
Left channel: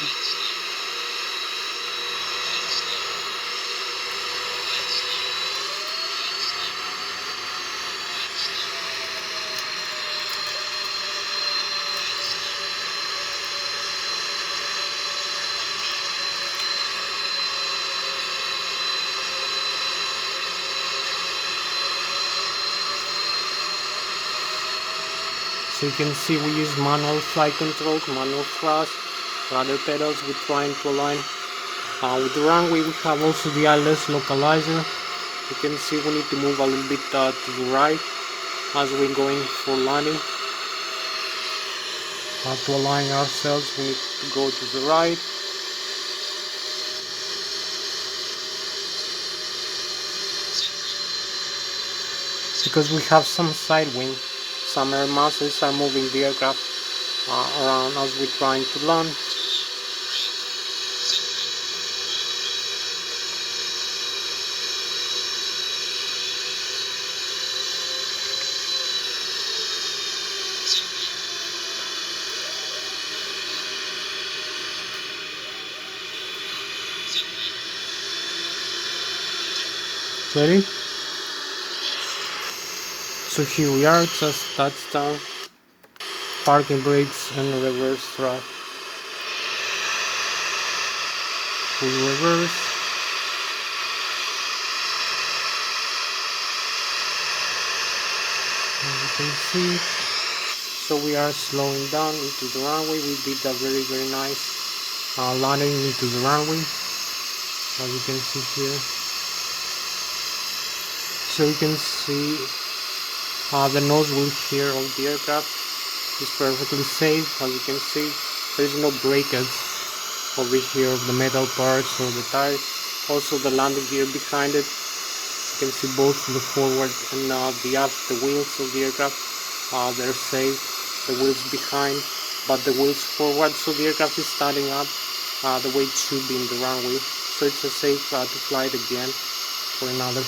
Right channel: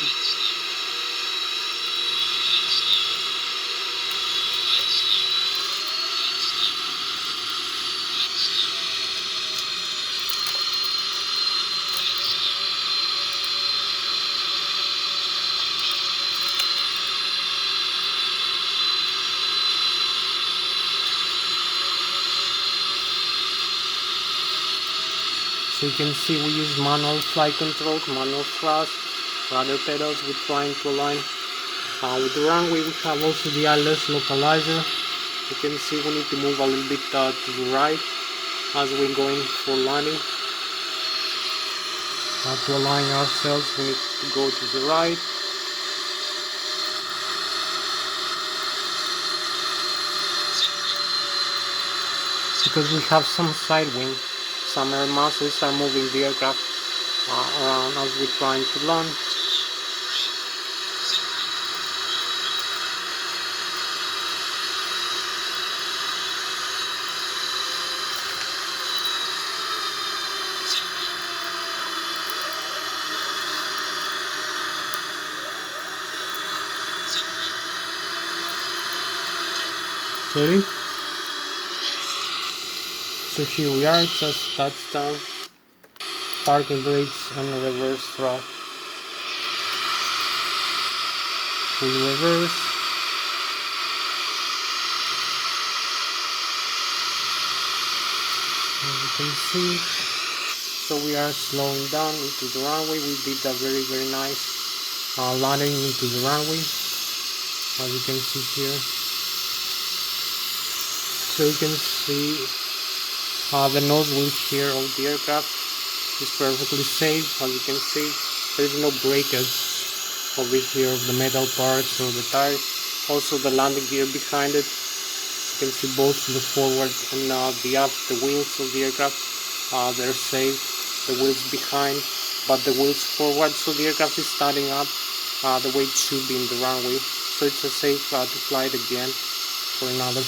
So you can see we use manual flight controls, manual thrust, rudder pedals. We're trying to align with the runway. We have also the Lszh localizer. You can see we need to move a little bit to the right as we're going for landing. To align ourselves, we need to go to the right. Because we have some side wind, some air masses are moving the aircraft around as we're trying to land. Ready? So here we are, just touchdown, parking brakes and reverse thrust. Full reverse. As you can see, so we are slowing down into the runway. We did a very nice landing into the runway, as you can see here. So you can see the nose wheel here of the aircraft is perfectly safe. As you can see, there is no breakage over here of the metal parts or the tires. Also the landing gear behind it, you can see both the forward and the aft, the wheels of the aircraft, they're safe. The wheels behind, but the wheels forward, so the aircraft is standing up the way it should be in the runway. So it's safe to fly it again for another